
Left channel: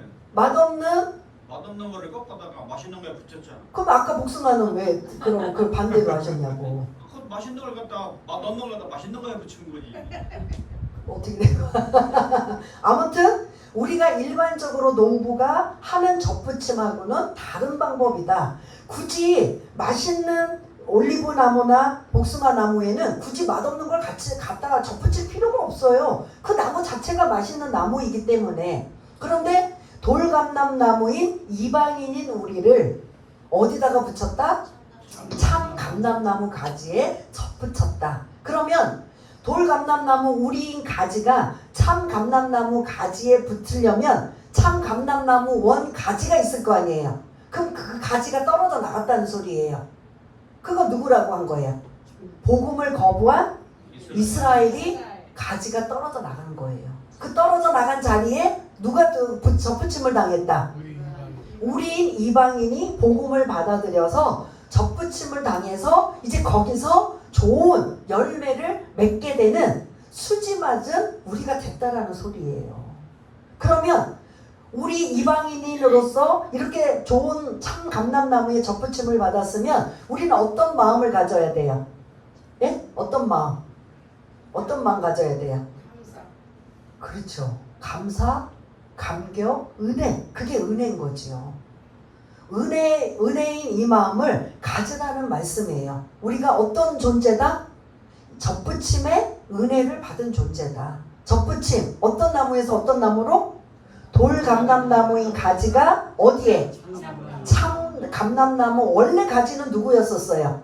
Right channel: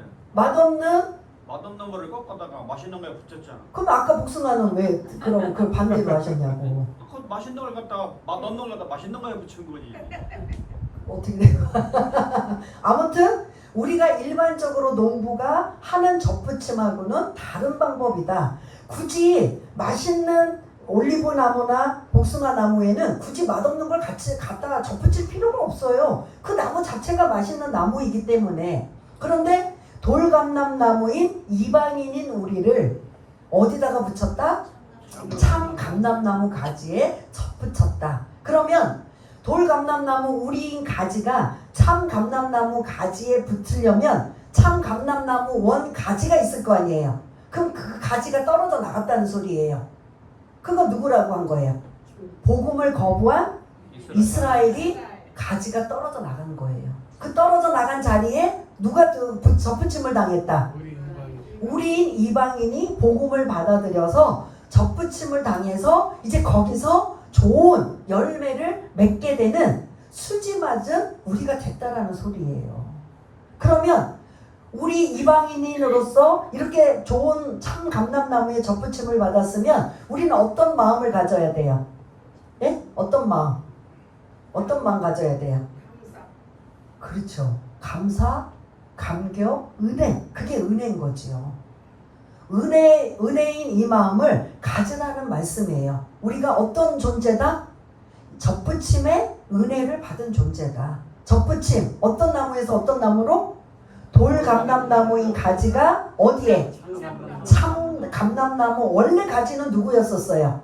맛없는 거를 꺾다가 맛있는 거에 붙였잖아. 그럼 아까 복숭아는 왜 그럼 그 반대로 하셨냐고. 그 맛있는 걸 갖다 맛없는 걸 갖다 맛있는 거에 붙인 거지. 어떻게 돼요? 아무튼 우리가 일반적으로 농부가 하는 접붙임하고는 다른 방법이다. 굳이 맛있는 올리브 나무나 복숭아 나무에는 굳이 맛없는 걸 같이 갖다 접붙일 필요가 없어요. 그 나무 자체가 맛있는 나무이기 때문에. 그런데 돌감람 나무인 이방인인 우리를 어디다가 붙였다? 참 감람나무 가지에 접붙였다. 그러면 돌감람나무 우리인 가지가 참 감람나무 가지에 붙으려면 참 감람나무 원 가지가 있을 거 아니에요. 그럼 그 가지가 떨어져 나갔다는 소리예요. 그거 누구라고 한 거예요? 복음을 거부한 이스라엘이 가지가 떨어져 나간 거예요. 그 떨어져 나간 자리에 누가 접붙임을 당했다? 우리인 이방인이 복음을 받아들여서 접붙임을 당해서 이제 거기서 좋은 열매를 맺게 되는 수지 맞은 우리가 됐다라는 소리예요. 그러면 우리 이방인으로서 이렇게 좋은 참 감람나무에 접붙임을 받았으면 우리는 어떤 마음을 가져야 돼요? 예? 어떤 마음? 어떤 마음 가져야 돼요? 그렇죠. 감사, 감격, 은혜. 그게 은혜인 거지요. 은혜인 이 마음을 가지라는 말씀이에요. 우리가 어떤 존재다? 접붙임의 은혜를 받은 존재다. 접붙임, 어떤 나무에서 어떤 나무로? 돌감람나무인 가지가 어디에? 참 감람나무 원래 가지는 누구였었어요?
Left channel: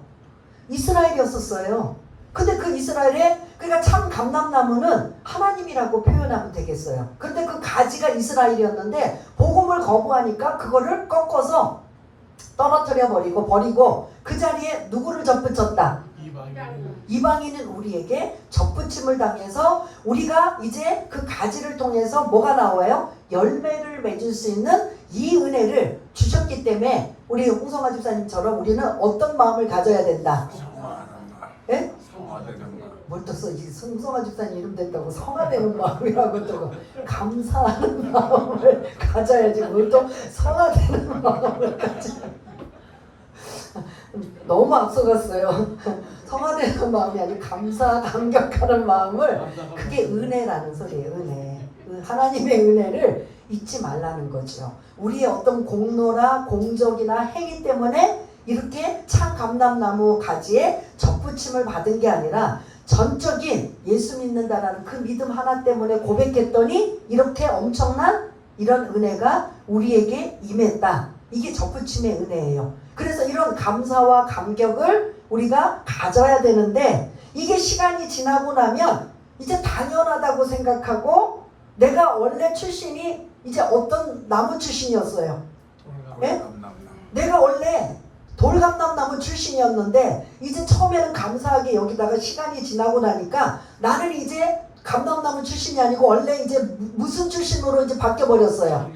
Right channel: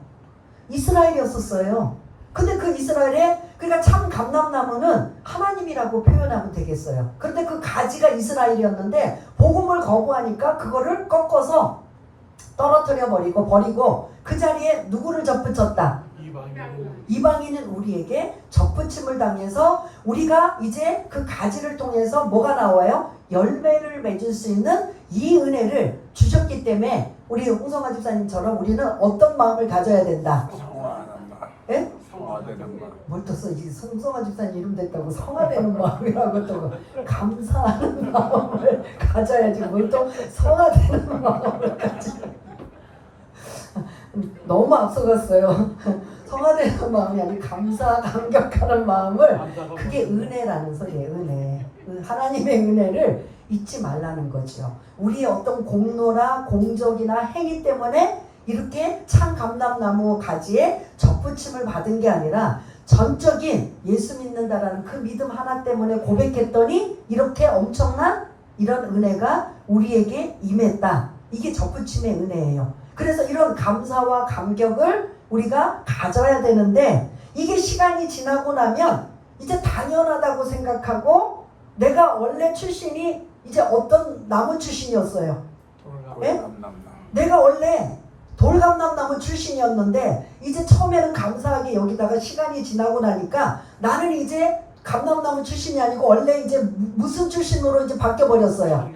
이스라엘이었었어요. 근데 그 이스라엘에 그러니까 참 감람나무는 하나님이라고 표현하면 되겠어요. 그런데 그 가지가 이스라엘이었는데 복음을 거부하니까 그거를 꺾어서 떨어뜨려 버리고 그 자리에 누구를 접붙였다? 이방인은 우리에게 접붙임을 당해서 우리가 이제 그 가지를 통해서 뭐가 나와요? 열매를 맺을 수 있는 이 은혜를 주셨기 때문에 우리 홍성아 집사님처럼 우리는 어떤 마음을 가져야 된다? 예? 뭘 또 써? 이 송성아 집사님 이름 됐다고 성화되는 마음이라고 또 감사하는 마음을 가져야지 뭘 또 성화되는 마음을 가져. 너무 앞서갔어요. 성화되는 마음이 아니고 감사, 감격하는 마음을 그게 은혜라는 소리예요. 은혜. 하나님의 은혜를 잊지 말라는 거죠. 우리의 어떤 공로나 공적이나 행위 때문에 이렇게 참 감람나무 가지에 접붙임을 받은 게 아니라 전적인 예수 믿는다라는 그 믿음 하나 때문에 고백했더니 이렇게 엄청난 이런 은혜가 우리에게 임했다. 이게 접붙임의 은혜예요. 그래서 이런 감사와 감격을 우리가 가져야 되는데 이게 시간이 지나고 나면 이제 당연하다고 생각하고 내가 원래 출신이 이제 어떤 나무 출신이었어요? 예? 내가 원래 돌감람나무 출신이었는데 이제 처음에는 감사하게 여기다가 시간이 지나고 나니까 나는 이제 감람나무 출신이 아니고 원래 이제 무슨 출신으로 이제 바뀌어버렸어요?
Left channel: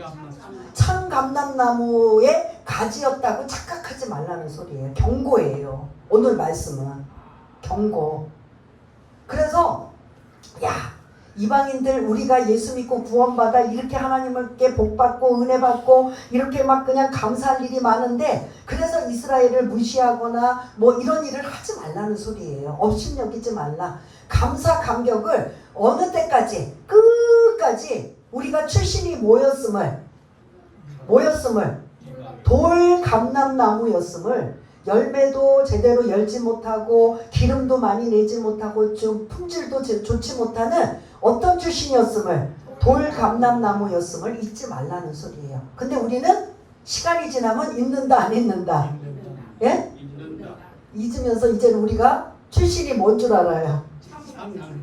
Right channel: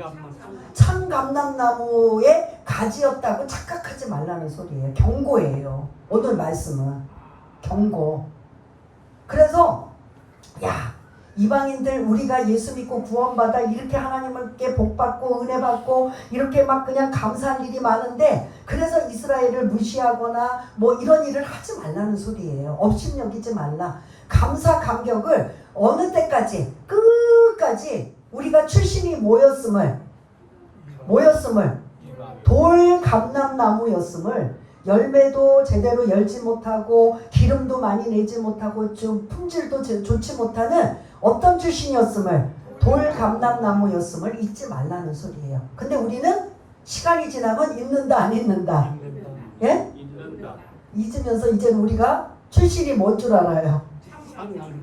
참 감람나무의 가지였다고 착각하지 말라는 소리예요. 경고예요. 오늘 말씀은 경고. 그래서 야 이방인들 우리가 예수 믿고 구원받아 이렇게 하나님께 복받고 은혜받고 이렇게 막 그냥 감사할 일이 많은데 그래서 이스라엘을 무시하거나 뭐 이런 일을 하지 말라는 소리예요. 업신여기지 말라. 감사 감격을 어느 때까지 끝까지 우리가 출신이 뭐였음을 돌감람나무였음을 열매도 제대로 열지 못하고 기름도 많이 내지 못하고 좀 품질도 좋지 못하는 어떤 출신이었음을 돌감람나무였음을 잊지 말라는 소리예요. 근데 우리는 시간이 지나면 잊는다 안 잊는다? 예? 잊으면서 이제 우리가 출신이 뭔 줄 알아요?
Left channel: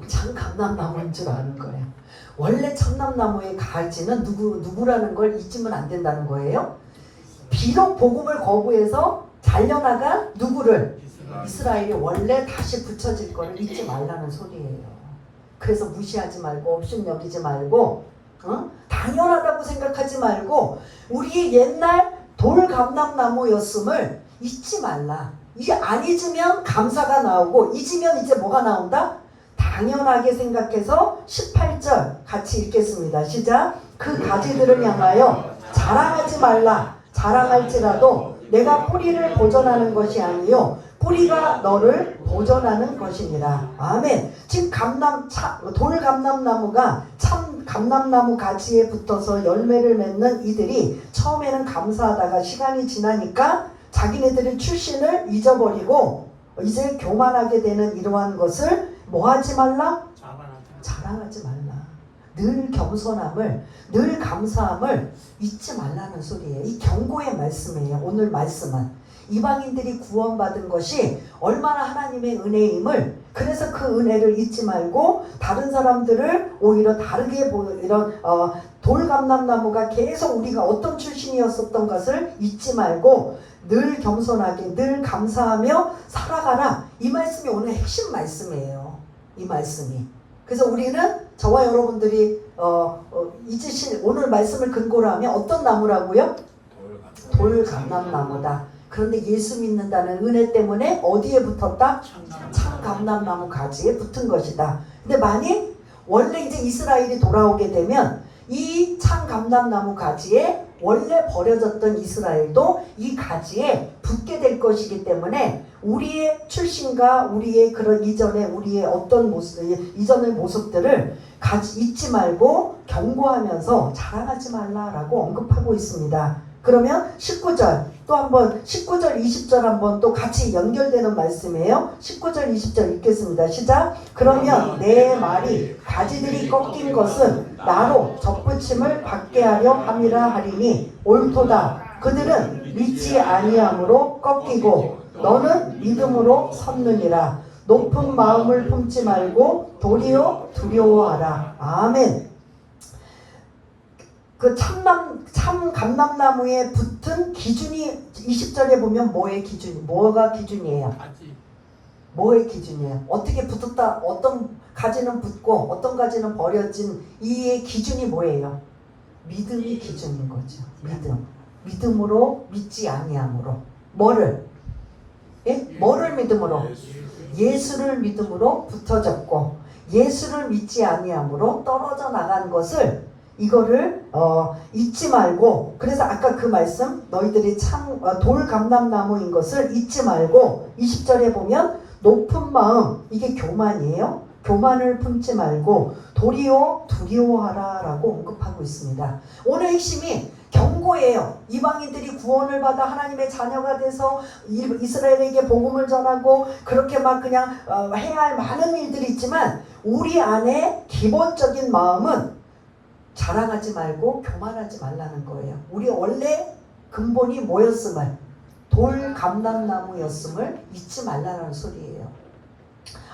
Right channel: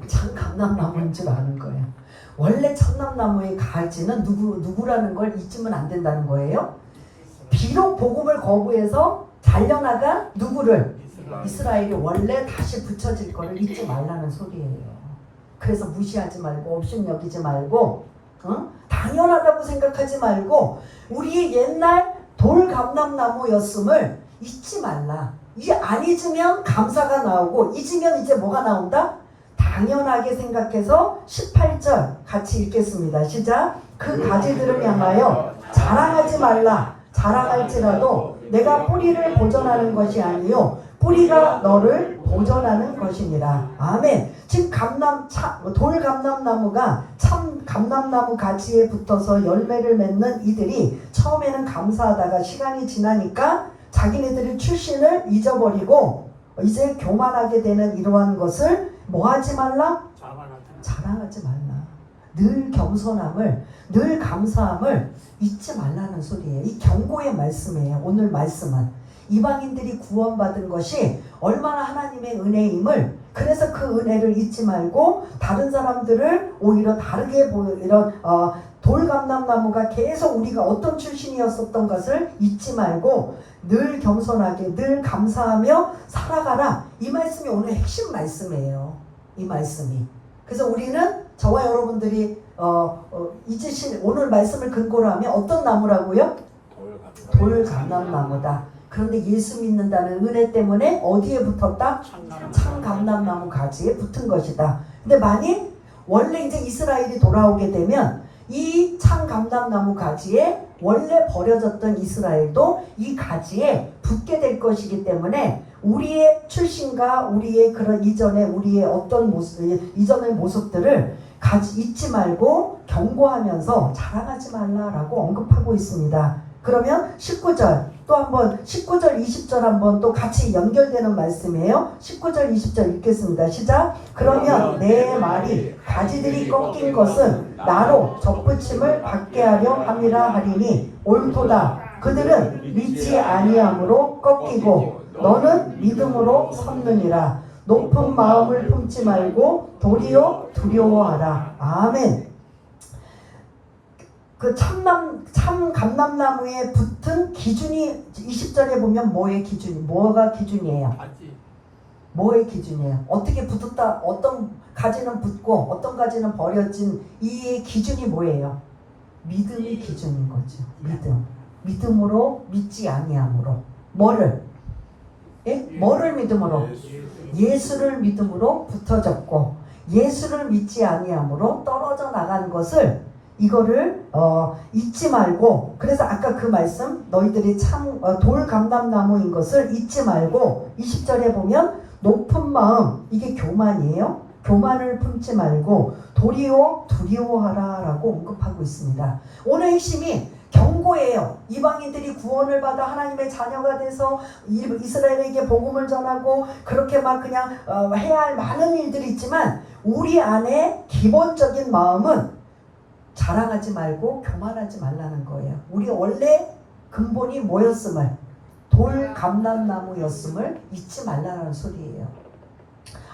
참 감람나무인 줄 아는 거예요. 원래 참남나무의 가지는 누구라는 걸 잊으면 안 된다는 거예요. 비록 복음을 거부해서 잘려나간 누구를? 이스라엘이 원래 다시 붙여질 거를 잊지 말라는 소리예요. 그래서 무시하지 말고 업신여기지 말고 당연하다고 생각하지 말고 우리 옛날 돌감람나무였음을 잊지 말라. 이게 안 잊으면 감사가 나오고 잊으면 이제 뭐가 나온다? 당연하게 생각해서 18절 같이 읽겠습니다. 시작. 그 가지들을 향하여 자랑하지 말라. 자랑할지라도 내가 뿌리를 보존하는 것이 아니요 뿌리가 너를 보존하는 것이니라. 아멘. 지금 돌감람나무가 참 감람나무 가지에 붙어서 열매를 맺는 이들이 처음에는 감사하다가 시간이 지나니까 자기네들의 출신을 잊어버리고 이제 교만하게 되는 이러한 것을 뭐하지 말라? 자랑하지 말라. 늘 겸손함을, 늘 감사함을 잊지 말라는 소리예요. 이 경고의 말씀이에요. 오늘 말씀은 이방인들이 구원받은 것이 얼마나 하나님의 은혜임을, 그래서 그 은혜를 잊지 말고 다른 사람들을 오히려 다르게 이런 돌감람나무가 계속 우리가 어떤 출신이었었던 것을 잊지 말고 늘 겸손하게 늘 감사하며 살아가라. 이 말씀이 오늘 핵심 말씀이에요. 이 말씀이. 그래서 우리는 저와 여러분들이 잊으신 오늘 말씀을 근거로 하면 어떤 나무라고요? 돌감람나무다. 그런데 예수 믿는다는 은혜 때문에 어디에 붙었다? 참 감람나무 가지에 붙은 것이다. 근데 만일 원래 이제 이스라엘이 돌아오게 되면 이 참 감람나무 가지에 원래 버려졌던 이스라엘도 이 가지에 붙게 될 것이기 때문에 우리의 출신과 우리의 그런 이전의 우리의 어떤 모습, 이전의 모습들을 잊지 말고 경고하면서 자랑하지 말라라고 언급하고 있습니다. 그러면 19절 또 한번 19절 20절 한번 또 같이 연결되는 말씀이에요. 19절 20절 읽겠습니다. 시작. 그러면 내 말이 가지들이 꺾인 것은 나로 접붙임을 받게 하려 함이라 하리니 옳도다. 그들은 믿지 아니함으로 꺾이고 너는 믿음으로 섰느니라. 높은 마음을 품지 말고 도리어 두려워하라. 아멘. 그 참 감람나무에 붙은 기준이 20절에 보면 뭐의 기준이? 뭐가 기준이에요? 뭐의 기준이에요? 어떻게 붙었다? 어떤 가지는 붙고 어떤 가지는 버려진 이 기준이 뭐예요? 믿음이 기준인 거죠. 믿음. 믿음으로 믿지 아니함으로. 뭐를? 예? 뭐를 믿음으로? 예수를 믿음으로 붙어졌고 예수를 믿지 아니함으로 떨어져 나간 것을 이거를 잊지 말고, 그래서 아까 그 말씀 너희들이 참 돌감람나무인 것을 잊지 말고 20절에 보면 높은 마음, 이게 교만이에요. 교만을 품지 말고 도리어 두려워하라 라고 언급하고 있습니다. 오늘 핵심이 경고예요. 이방인들이 구원을 받아 하나님의 자녀가 돼서 이스라엘에게 복음을 전하고 그렇게 막 그냥 해야 할 많은 일들이 있지만 우리 안에 기본적인 마음은 자랑하지 말고 교만하지 말라는 거예요. 우리 원래 근본이 뭐였음을, 돌감람나무였음을 잊지 말라는 소리예요.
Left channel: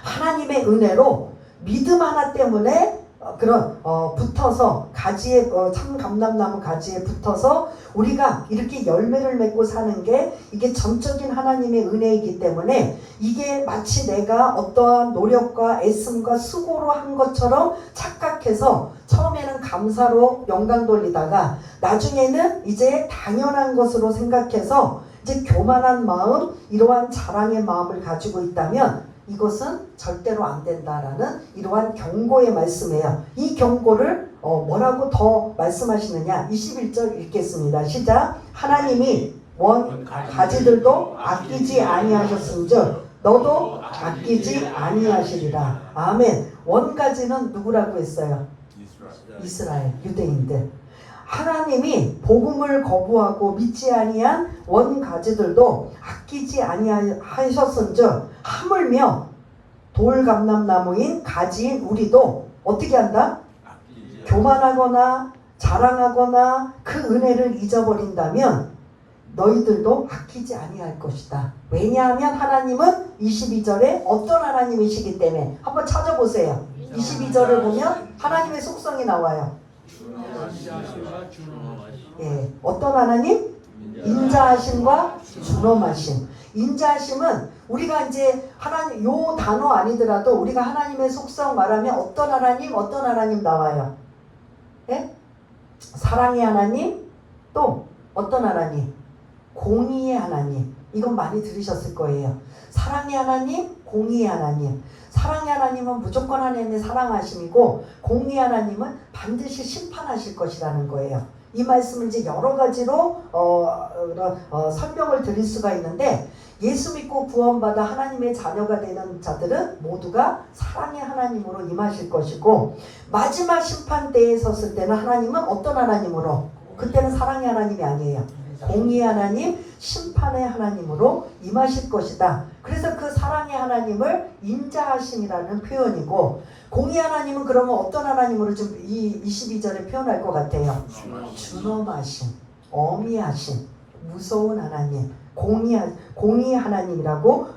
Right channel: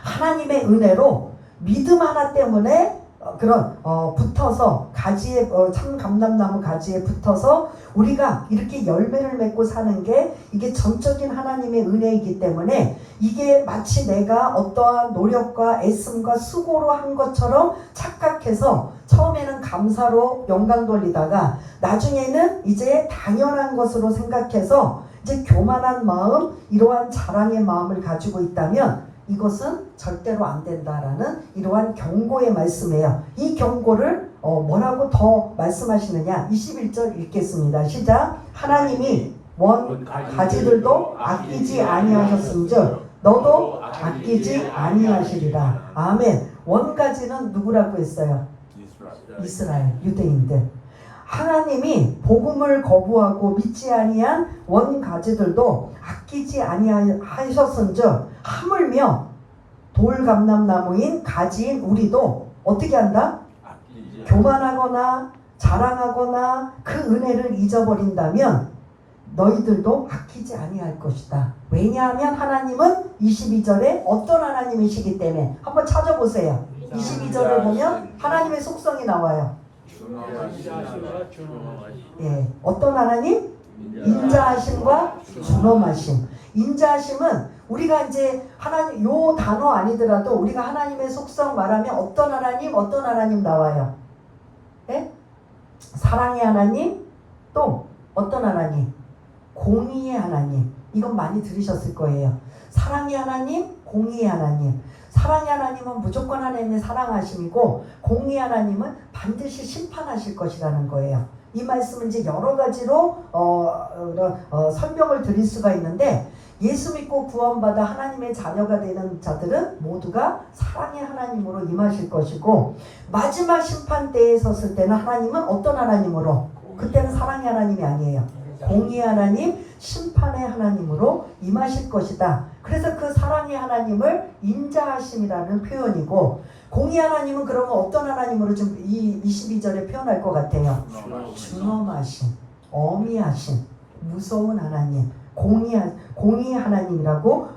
하나님의 은혜로 믿음 하나 때문에 그런 붙어서 가지에 참 감람나무 가지에 붙어서 우리가 이렇게 열매를 맺고 사는 게 이게 전적인 하나님의 은혜이기 때문에 이게 마치 내가 어떠한 노력과 애씀과 수고로 한 것처럼 착각해서 처음에는 감사로 영광 돌리다가 나중에는 이제 당연한 것으로 생각해서 이제 교만한 마음, 이러한 자랑의 마음을 가지고 있다면 이것은 절대로 안 된다라는 이러한 경고의 말씀이에요. 이 경고를 뭐라고 더 말씀하시느냐? 21절 읽겠습니다. 시작. 하나님이 원 가지들도 아끼지 아니하셨은즉 너도 아끼지 아니하시리라. 아멘. 원 가지는 누구라고 했어요? 이스라엘 유대인들. 하나님이 복음을 거부하고 믿지 아니한 원 가지들도 아끼지 아니하셨은즉 하물며 돌감람나무인 가지인 우리도 어떻게 한다? 교만하거나 자랑하거나 그 은혜를 잊어버린다면 너희들도 아끼지 아니할 것이다. 왜냐하면 하나님은 22절에 어떤 하나님이시기 때문에 한번 찾아보세요. 22절을 보면 하나님의 속성이 나와요. 어떤 하나님? 인자하심과 준엄하심. 인자하심은 우리가 이제 하나님 요 단어 아니더라도 우리가 하나님의 속성 말하면 어떤 하나님 나와요. 예? 사랑의 하나님, 또 어떤 하나님? 공의의 하나님. 이건 많이 들으셨을 거예요. 사랑의 하나님, 공의의 하나님. 사랑의 하나님은 무조건 하나님의 사랑하심이고 공의의 하나님은 반드시 심판하실 것이라는 거예요. 이 말씀을 이제 여러 가지로 설명을 드릴 수가 있는데, 예수 믿고 구원받아 하나님의 자녀가 되는 자들은 모두가 사랑의 하나님으로 임하실 것이고, 마지막 심판 때에 섰을 때는 하나님은 어떤 하나님으로? 그때는 사랑의 하나님이 아니에요. 공의의 하나님, 심판의 하나님으로 임하실 것이다. 그래서 그 사랑의 하나님을 인자하심이라는 표현이고, 공의 하나님은 그러면 어떤 하나님으로 좀 이 22절에 표현할 것 같아요? 준엄하심, 어미하심, 무서운 하나님, 공의 하나님이라고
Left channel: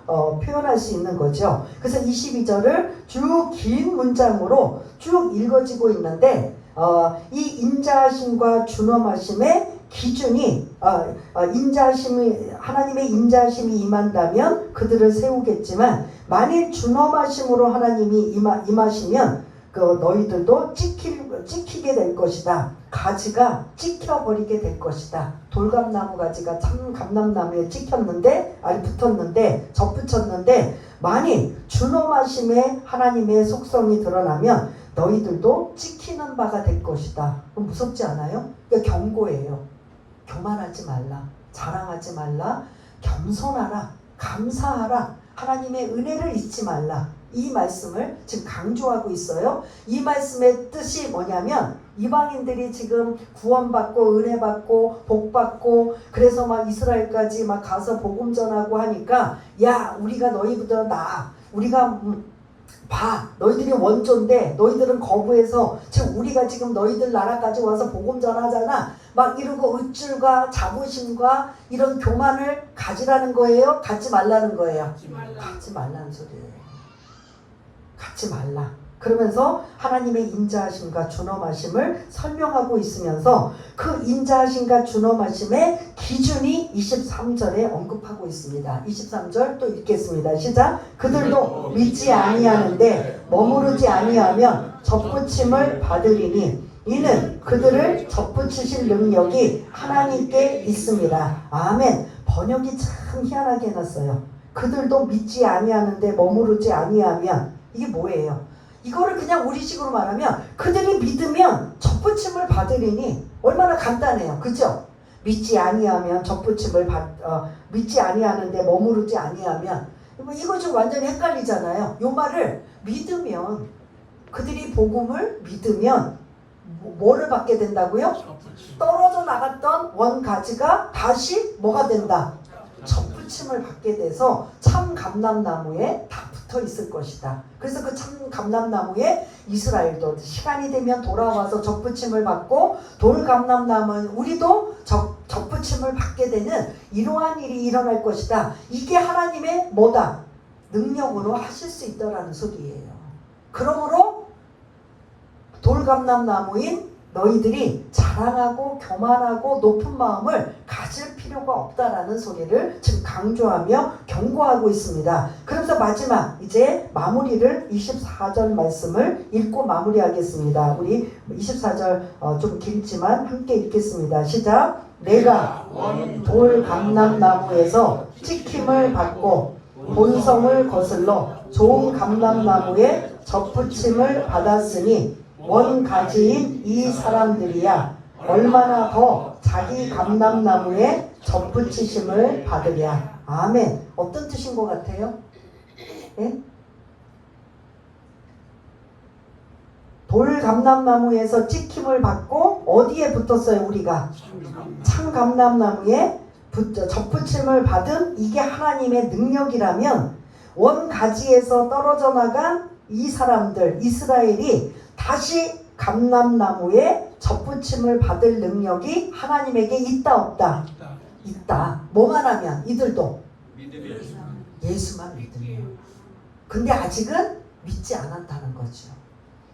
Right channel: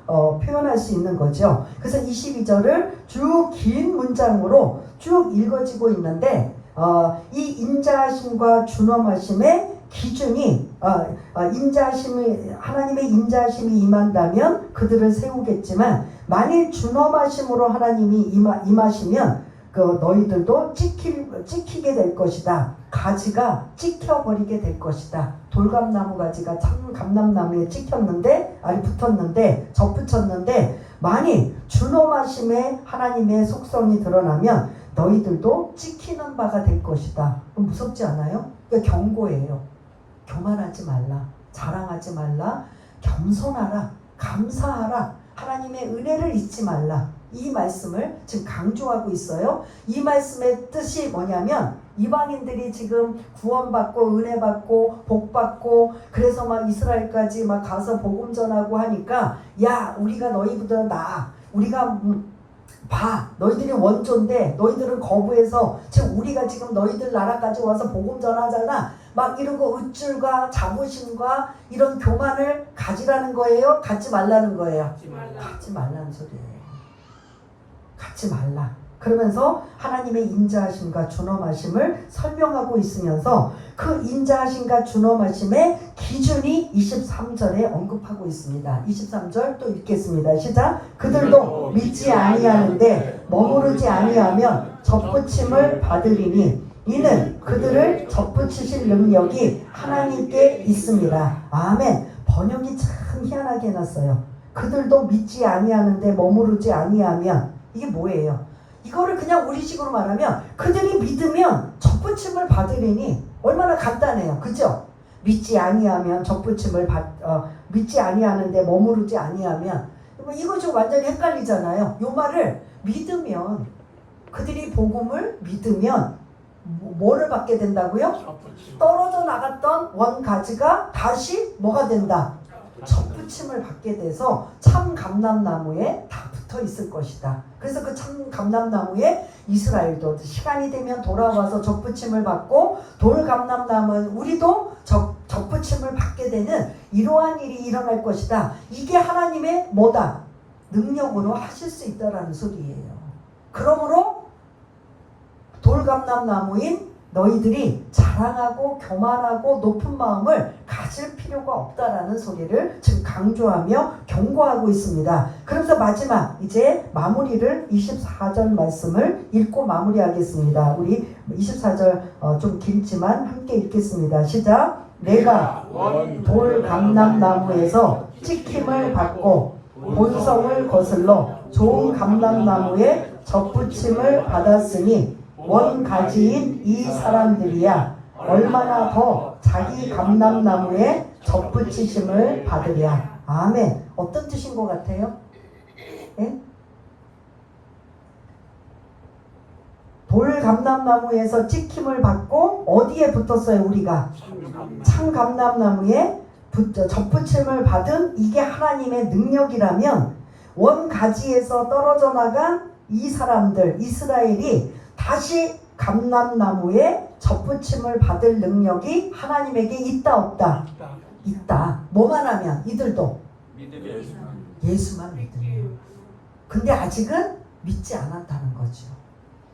표현할 수 있는 거죠. 그래서 22절을 쭉 긴 문장으로 쭉 읽어지고 있는데, 이 인자하심과 준엄하심의 기준이 하나님의 인자하심이 임한다면 그들을 세우겠지만, 만일 준엄하심으로 하나님이 임하시면 그 너희들도 찍히게 될 것이다. 가지가 찍혀버리게 될 것이다. 돌감나무 가지가 참 감람나무에 붙었는데 접붙였는데, 만일 준엄하심의 하나님의 속성이 드러나면 너희들도 찍히는 바가 될 것이다. 무섭지 않아요? 그러니까 경고예요. 교만하지 말라, 자랑하지 말라, 겸손하라, 감사하라, 하나님의 은혜를 잊지 말라. 이 말씀을 지금 강조하고 있어요. 이 말씀의 뜻이 뭐냐면, 이방인들이 지금 구원받고 은혜받고 복받고 그래서 막 이스라엘까지 막 가서 복음 전하고 하니까, 야, 우리가 너희보다 나아, 우리가 봐, 너희들이 원조인데 너희들은 거부해서 지금 우리가 지금 너희들 나라까지 와서 복음 전하잖아, 막 이러고 의줄과 자부심과 이런 교만을 가지라는 거예요? 갖지 말라는 거예요? 갖지 말라는 소리예요. 갖지 말라. 그러면서 하나님의 인자하심과 준엄하심을 설명하고 있으면서 그 인자하심과 준엄하심의 기준이 23절에 언급하고 있습니다. 23절 또 읽겠습니다. 시작. 그들도 믿지 아니하는데 머무르지 아니하면 접붙임을 받으리니 이는 그들을 접붙이실 능력이 하나님께 있습니다. 아멘. 번역이 참 희한하게 해놨어요. 그들도 믿지 아니하는데 머무르지 아니하면, 이게 뭐예요? 이거를 그냥 우리식으로 말하면 그들이 믿으면 접붙임을 받으리니, 얼마나 간단해요. 그죠? 믿지 아니하면 믿지 아니하는데 머무르지 아니하면, 이거 좀 완전히 헷갈리잖아요. 요 말을 믿으면, 그들이 복음을 믿으면 뭐를 받게 된다고요? 떨어져 나갔던 원가지가 다시 뭐가 된다? 접붙임을 받게 돼서 참 감람나무에 다 붙어 있을 것이다. 그래서 그 참 감람나무에 이스라엘도 시간이 되면 돌아와서 접붙임을 받고, 돌감람나무는 우리도 접붙임을 받게 되는 이러한 일이 일어날 것이다. 이게 하나님의 뭐다? 능력으로 하실 수 있다라는 소리예요. 그러므로 돌감람나무인 너희들이 자랑하고 교만하고 높은 마음을 가질 필요가 없다라는 소리를 지금 강조하며 경고하고 있습니다. 그래서 마지막 이제 마무리를 24절 말씀을 읽고 마무리하겠습니다. 우리 24절 좀 길지만 함께 읽겠습니다. 시작. 내가 돌감람나무에서 찍힘을 받고 본성을 거슬러 좋은 감람나무에 접붙임을 받았으니 원가지인 이 사람들이야 얼마나 더 자기 감람나무에 접붙이심을 받으랴. 아멘. 어떤 뜻인 것 같아요? 예? 돌감람나무에서 찍힘을 받고 어디에 붙었어요? 우리가 참감람나무에 접붙임을 받은 이게 하나님의 능력이라면, 원가지에서 떨어져 나간 이 사람들 이스라엘이 다시 감람나무에 접붙임을 받을 능력이 하나님에게 있다 없다? 있다. 뭐만 하면? 이들도 예수만 믿으면. 근데 아직은 믿지 않았다는 거죠.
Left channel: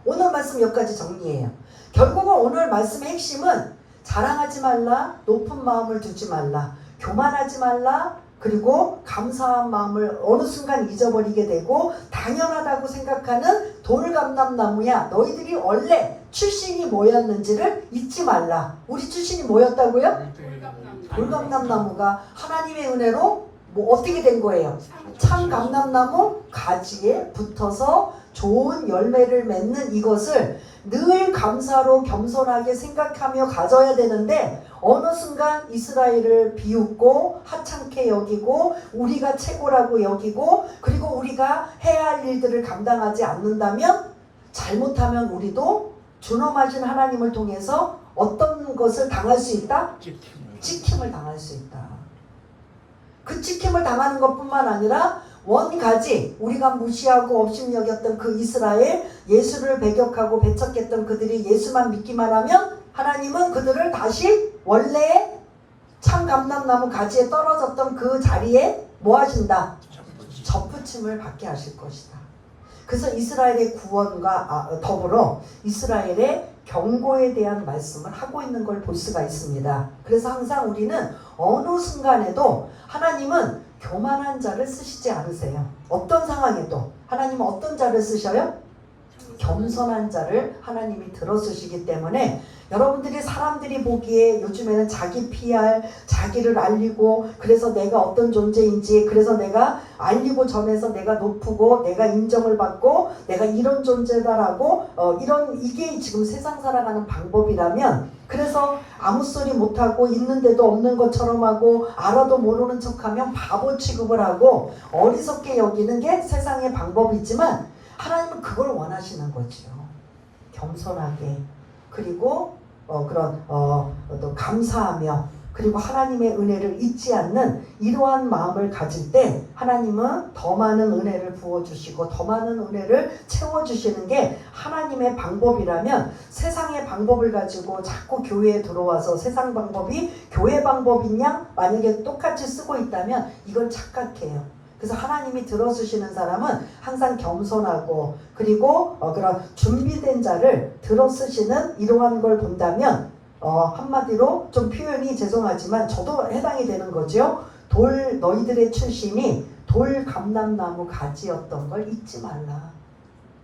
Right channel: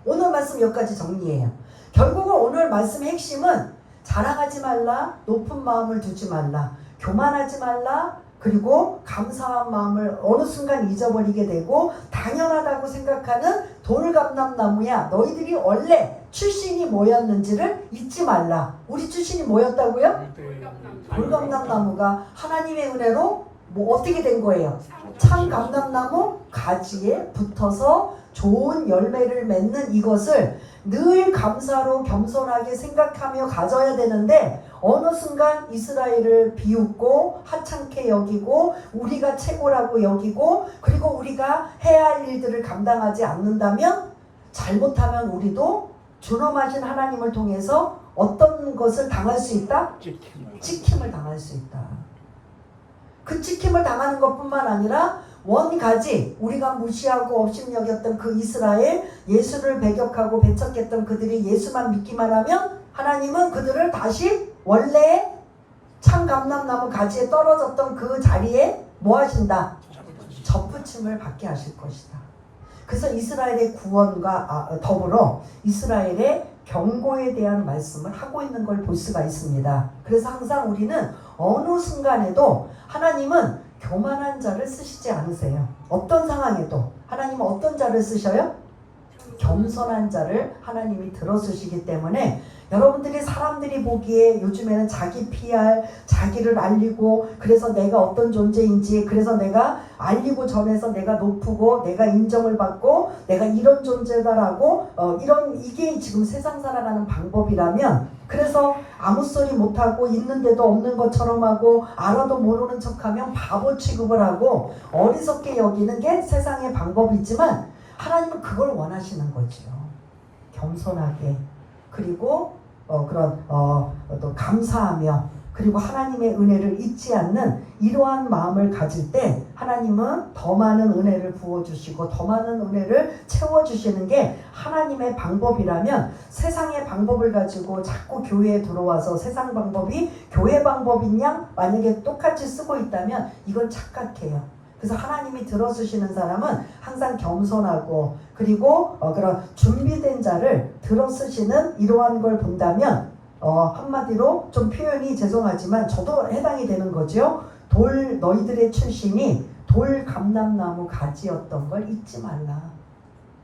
오늘 말씀 몇 가지 정리해요. 결국은 오늘 말씀의 핵심은 자랑하지 말라, 높은 마음을 두지 말라, 교만하지 말라, 그리고 감사한 마음을 어느 순간 잊어버리게 되고 당연하다고 생각하는 돌감람나무야, 너희들이 원래 출신이 뭐였는지를 잊지 말라. 우리 출신이 뭐였다고요? 돌감람나무가 하나님의 은혜로 뭐 어떻게 된 거예요? 참감람나무 가지에 붙어서 좋은 열매를 맺는 이것을 늘 감사로 겸손하게 생각하며 가져야 되는데, 어느 순간 이스라엘을 비웃고 하찮게 여기고 우리가 최고라고 여기고, 그리고 우리가 해야 할 일들을 감당하지 않는다면, 잘못하면 우리도 존엄하신 하나님을 통해서 어떤 것을 당할 수 있다? 찍힘을 당할 수 있다. 그 찍힘을 당하는 것뿐만 아니라 원가지, 우리가 무시하고 업신여겼던 그 이스라엘, 예수를 배격하고 배척했던 그들이 예수만 믿기만 하면 하나님은 그들을 다시 원래 참 감람나무 가지에 떨어졌던 그 자리에 뭐 하신다? 접붙임을 받게 하실 것이다. 그래서 이스라엘의 구원과 더불어 이스라엘의 경고에 대한 말씀을 하고 있는 걸 볼 수가 있습니다. 그래서 항상 우리는 어느 순간에도 하나님은 교만한 자를 쓰시지 않으세요. 어떤 상황에도 하나님은 어떤 자를 쓰셔요? 겸손한 자를 하나님이 들어쓰시기 때문에, 여러분들이 사람들이 보기에 요즘에는 자기 PR, 자기를 알리고, 그래서 내가 어떤 존재인지, 그래서 내가 알리고 전해서 내가 높고 내가 인정을 받고 내가 이런 존재다라고 이게 지금 세상 살아가는 방법이라면, 그래서 아무 소리 못하고 있는데도 없는 것처럼 하고 알아도 모르는 척하면 바보 취급을 하고 어리석게 여기는 게 세상의 방법이지만, 하나님은 그걸 원하시는 거지요. 겸손하게, 그리고 또 감사하며, 그리고 하나님의 은혜를 잊지 않는 이러한 마음을 가질 때 하나님은 더 많은 은혜를 부어주시고 더 많은 은혜를 채워주시는 게 하나님의 방법이라면, 세상의 방법을 가지고 자꾸 교회에 들어와서 세상 방법이 교회 방법이냐 만약에 똑같이 쓰고 있다면 이건 착각해요. 그래서 하나님이 들어쓰시는 사람은 항상 겸손하고, 그리고 그런 준비된 자를 들어쓰시는 이러한 걸 본다면, 한마디로 좀 표현이 죄송하지만 저도 해당이 되는 거죠. 너희들의 출신이 돌감람나무 가지였던 걸 잊지 말라.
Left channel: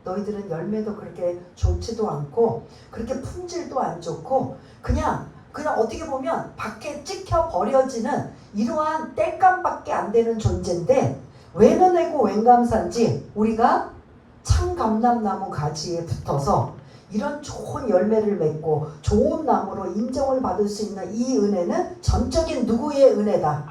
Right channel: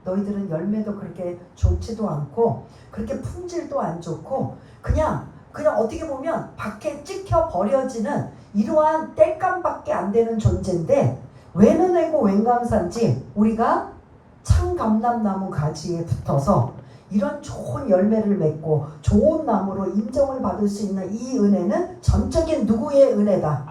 너희들은 열매도 그렇게 좋지도 않고 그렇게 품질도 안 좋고 그냥 어떻게 보면 밖에 찍혀 버려지는 이러한 땔감밖에 안 되는 존재인데, 외면하고 웬감산지 우리가 참감람나무 가지에 붙어서 이런 좋은 열매를 맺고 좋은 나무로 인정을 받을 수 있는 이 은혜는 전적인 누구의 은혜다?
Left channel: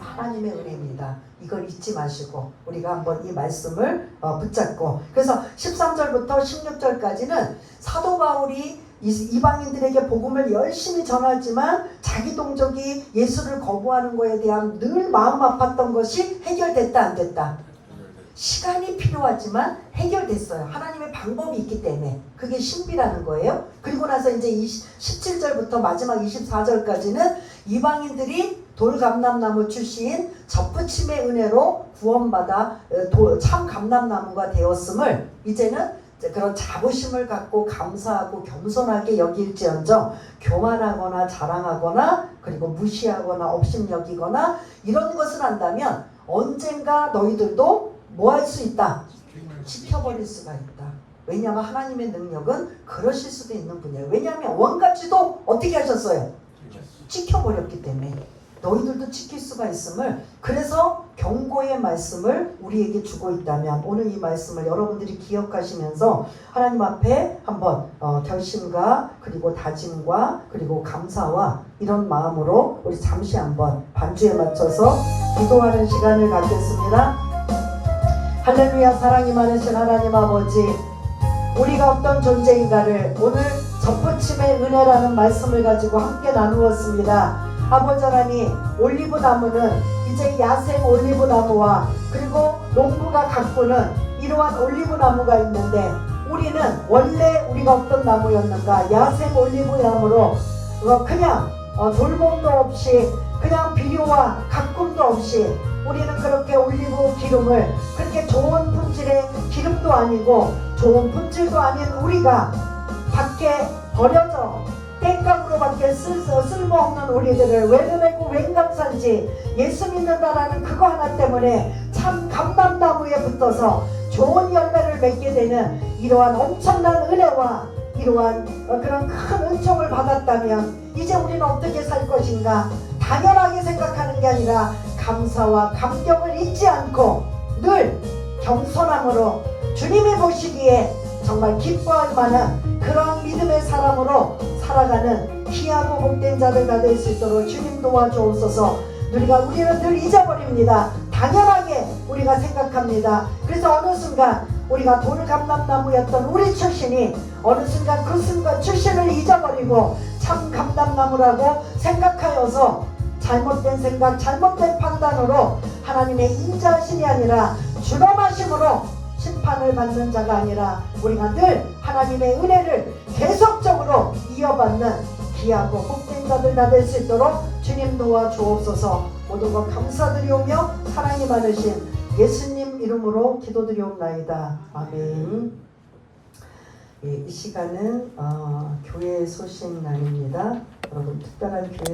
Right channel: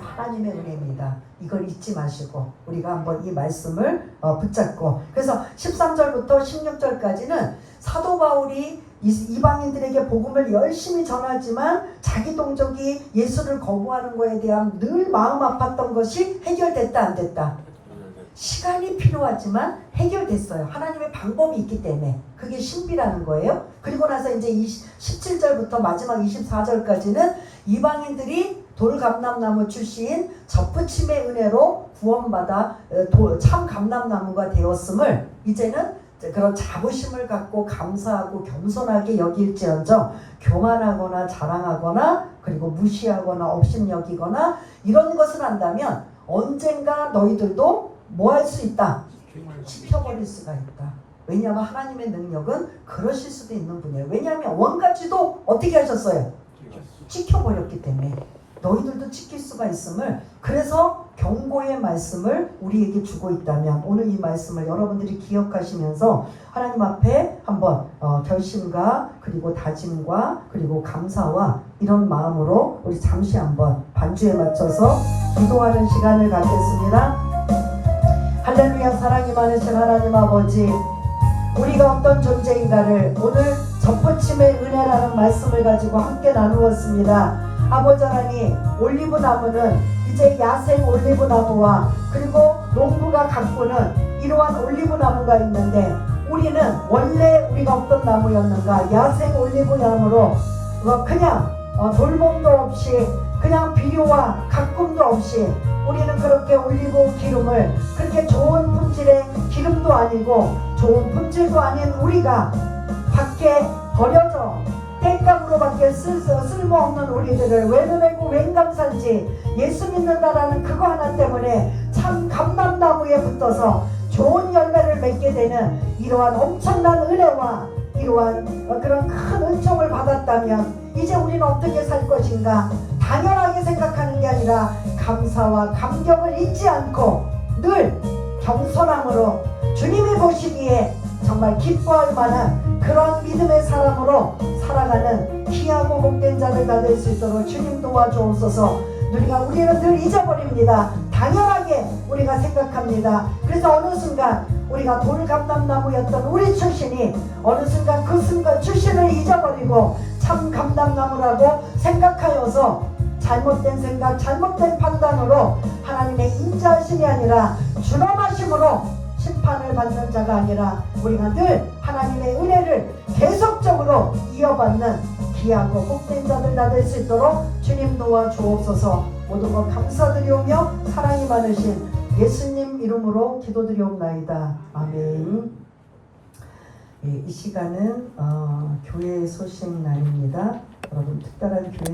하나님의 은혜입니다. 이걸 잊지 마시고 우리가 한번 이 말씀을 붙잡고, 그래서 13절부터 16절까지는 사도 바울이 이방인들에게 복음을 열심히 전하지만 자기 동족이 예수를 거부하는 것에 대한 늘 마음 아팠던 것이 해결됐다 안 됐다? 시간이 필요하지만 해결됐어요. 하나님의 방법이 있기 때문에. 그게 신비라는 거예요. 그리고 나서 이제 17절부터 마지막 24절까지는 이방인들이 돌감람나무 출신 접붙임의 은혜로 구원받아 참 감람나무가 되었음을, 이제는 그런 자부심을 갖고 감사하고 겸손하게 여길지언정 교만하거나 자랑하거나 그리고 무시하거나 업신여기거나 이런 것을 한다면 언젠가 너희들도 뭐 할 수 있다? 지켜버릴 수가 있다. 왜냐하면 하나님의 능력은 그러실 수도 있는 분이에요. 왜냐하면 원가지도 어떻게 하셨어요? 지켜버렸기 때문에 너희들도 지킬 수가 있음을, 그래서 경고의 말씀을 우리에게 주고 있다면 오늘 이 말씀을 여러분들이 기억하시면서 하나님 앞에 한번 결심과 그리고 다짐과 그리고 감사와 이런 마음으로 우리 잠시 한번 반주에 맞춰서 기도하는 시간을 갖겠습니다. 할렐루야. 사랑이 많으신 하나님 아버지, 우리가 어떤 존재인가를 오늘 접붙임의 은혜라는 말씀을 가지고 함께 나누었습니다. 아버지 하나님, 올리브 나무는 이제 야생 올리브 나무와 그리고 농부가 가꾸는 이러한 올리브 나무가 있는데, 우리는 원래 우리가 어떤 나무였는가? 야생 올리브 나무로 그냥 돌봄도 없이 그냥 비료와 가꿈도 없이 우리는 그렇게 올리브 기름을, 그렇게 좋은 품질의 기름도 아니고 좋은 품질도 아닌 우리가 밖에 버려져 땔감으로밖에 쓸모없는 우리들을 외면하고 감사하고 웬 감사인지 예수 믿는다라는 그거 하나 때문에 참 감람나무에 붙어서 좋은 열매를 맺게 되는 이러한 엄청난 은혜와 이러한 그런 큰 은총을 받았다면 이제 우리는 어떻게 살 것인가? 당연하게 생각하는 게 아니라 감사와 감격을 잊지 않고 늘 겸손함으로 주님이 보시기에 정말 기뻐할 만한 그런 믿음의 사람으로 살아가는 귀하고 복된 자들 다 될 수 있도록 주님 도와주옵소서. 우리는 늘 잊어버립니다. 당연하게 우리가 생각합니다. 그래서 어느 순간 우리가 돌감람나무였던 우리 출신이 어느 순간 그 순간 출신을 잊어버리고 참 감람나무라고 생각하여서 잘못된 생각, 잘못된 판단으로 하나님의 인자하심이 아니라 주범하심으로 심판을 받는 자가 아니라 우리가 늘 하나님의 은혜를 계속적으로 이어받는 귀하고 복된 자들 다 될 수 있도록 주님 도와주옵소서. 모든 것 감사드리오며 사랑이 많으신 예수님 이름으로 기도드리옵나이다. 아멘. 이 시간은 교회 소식 날입니다. 여러분 특별한 교회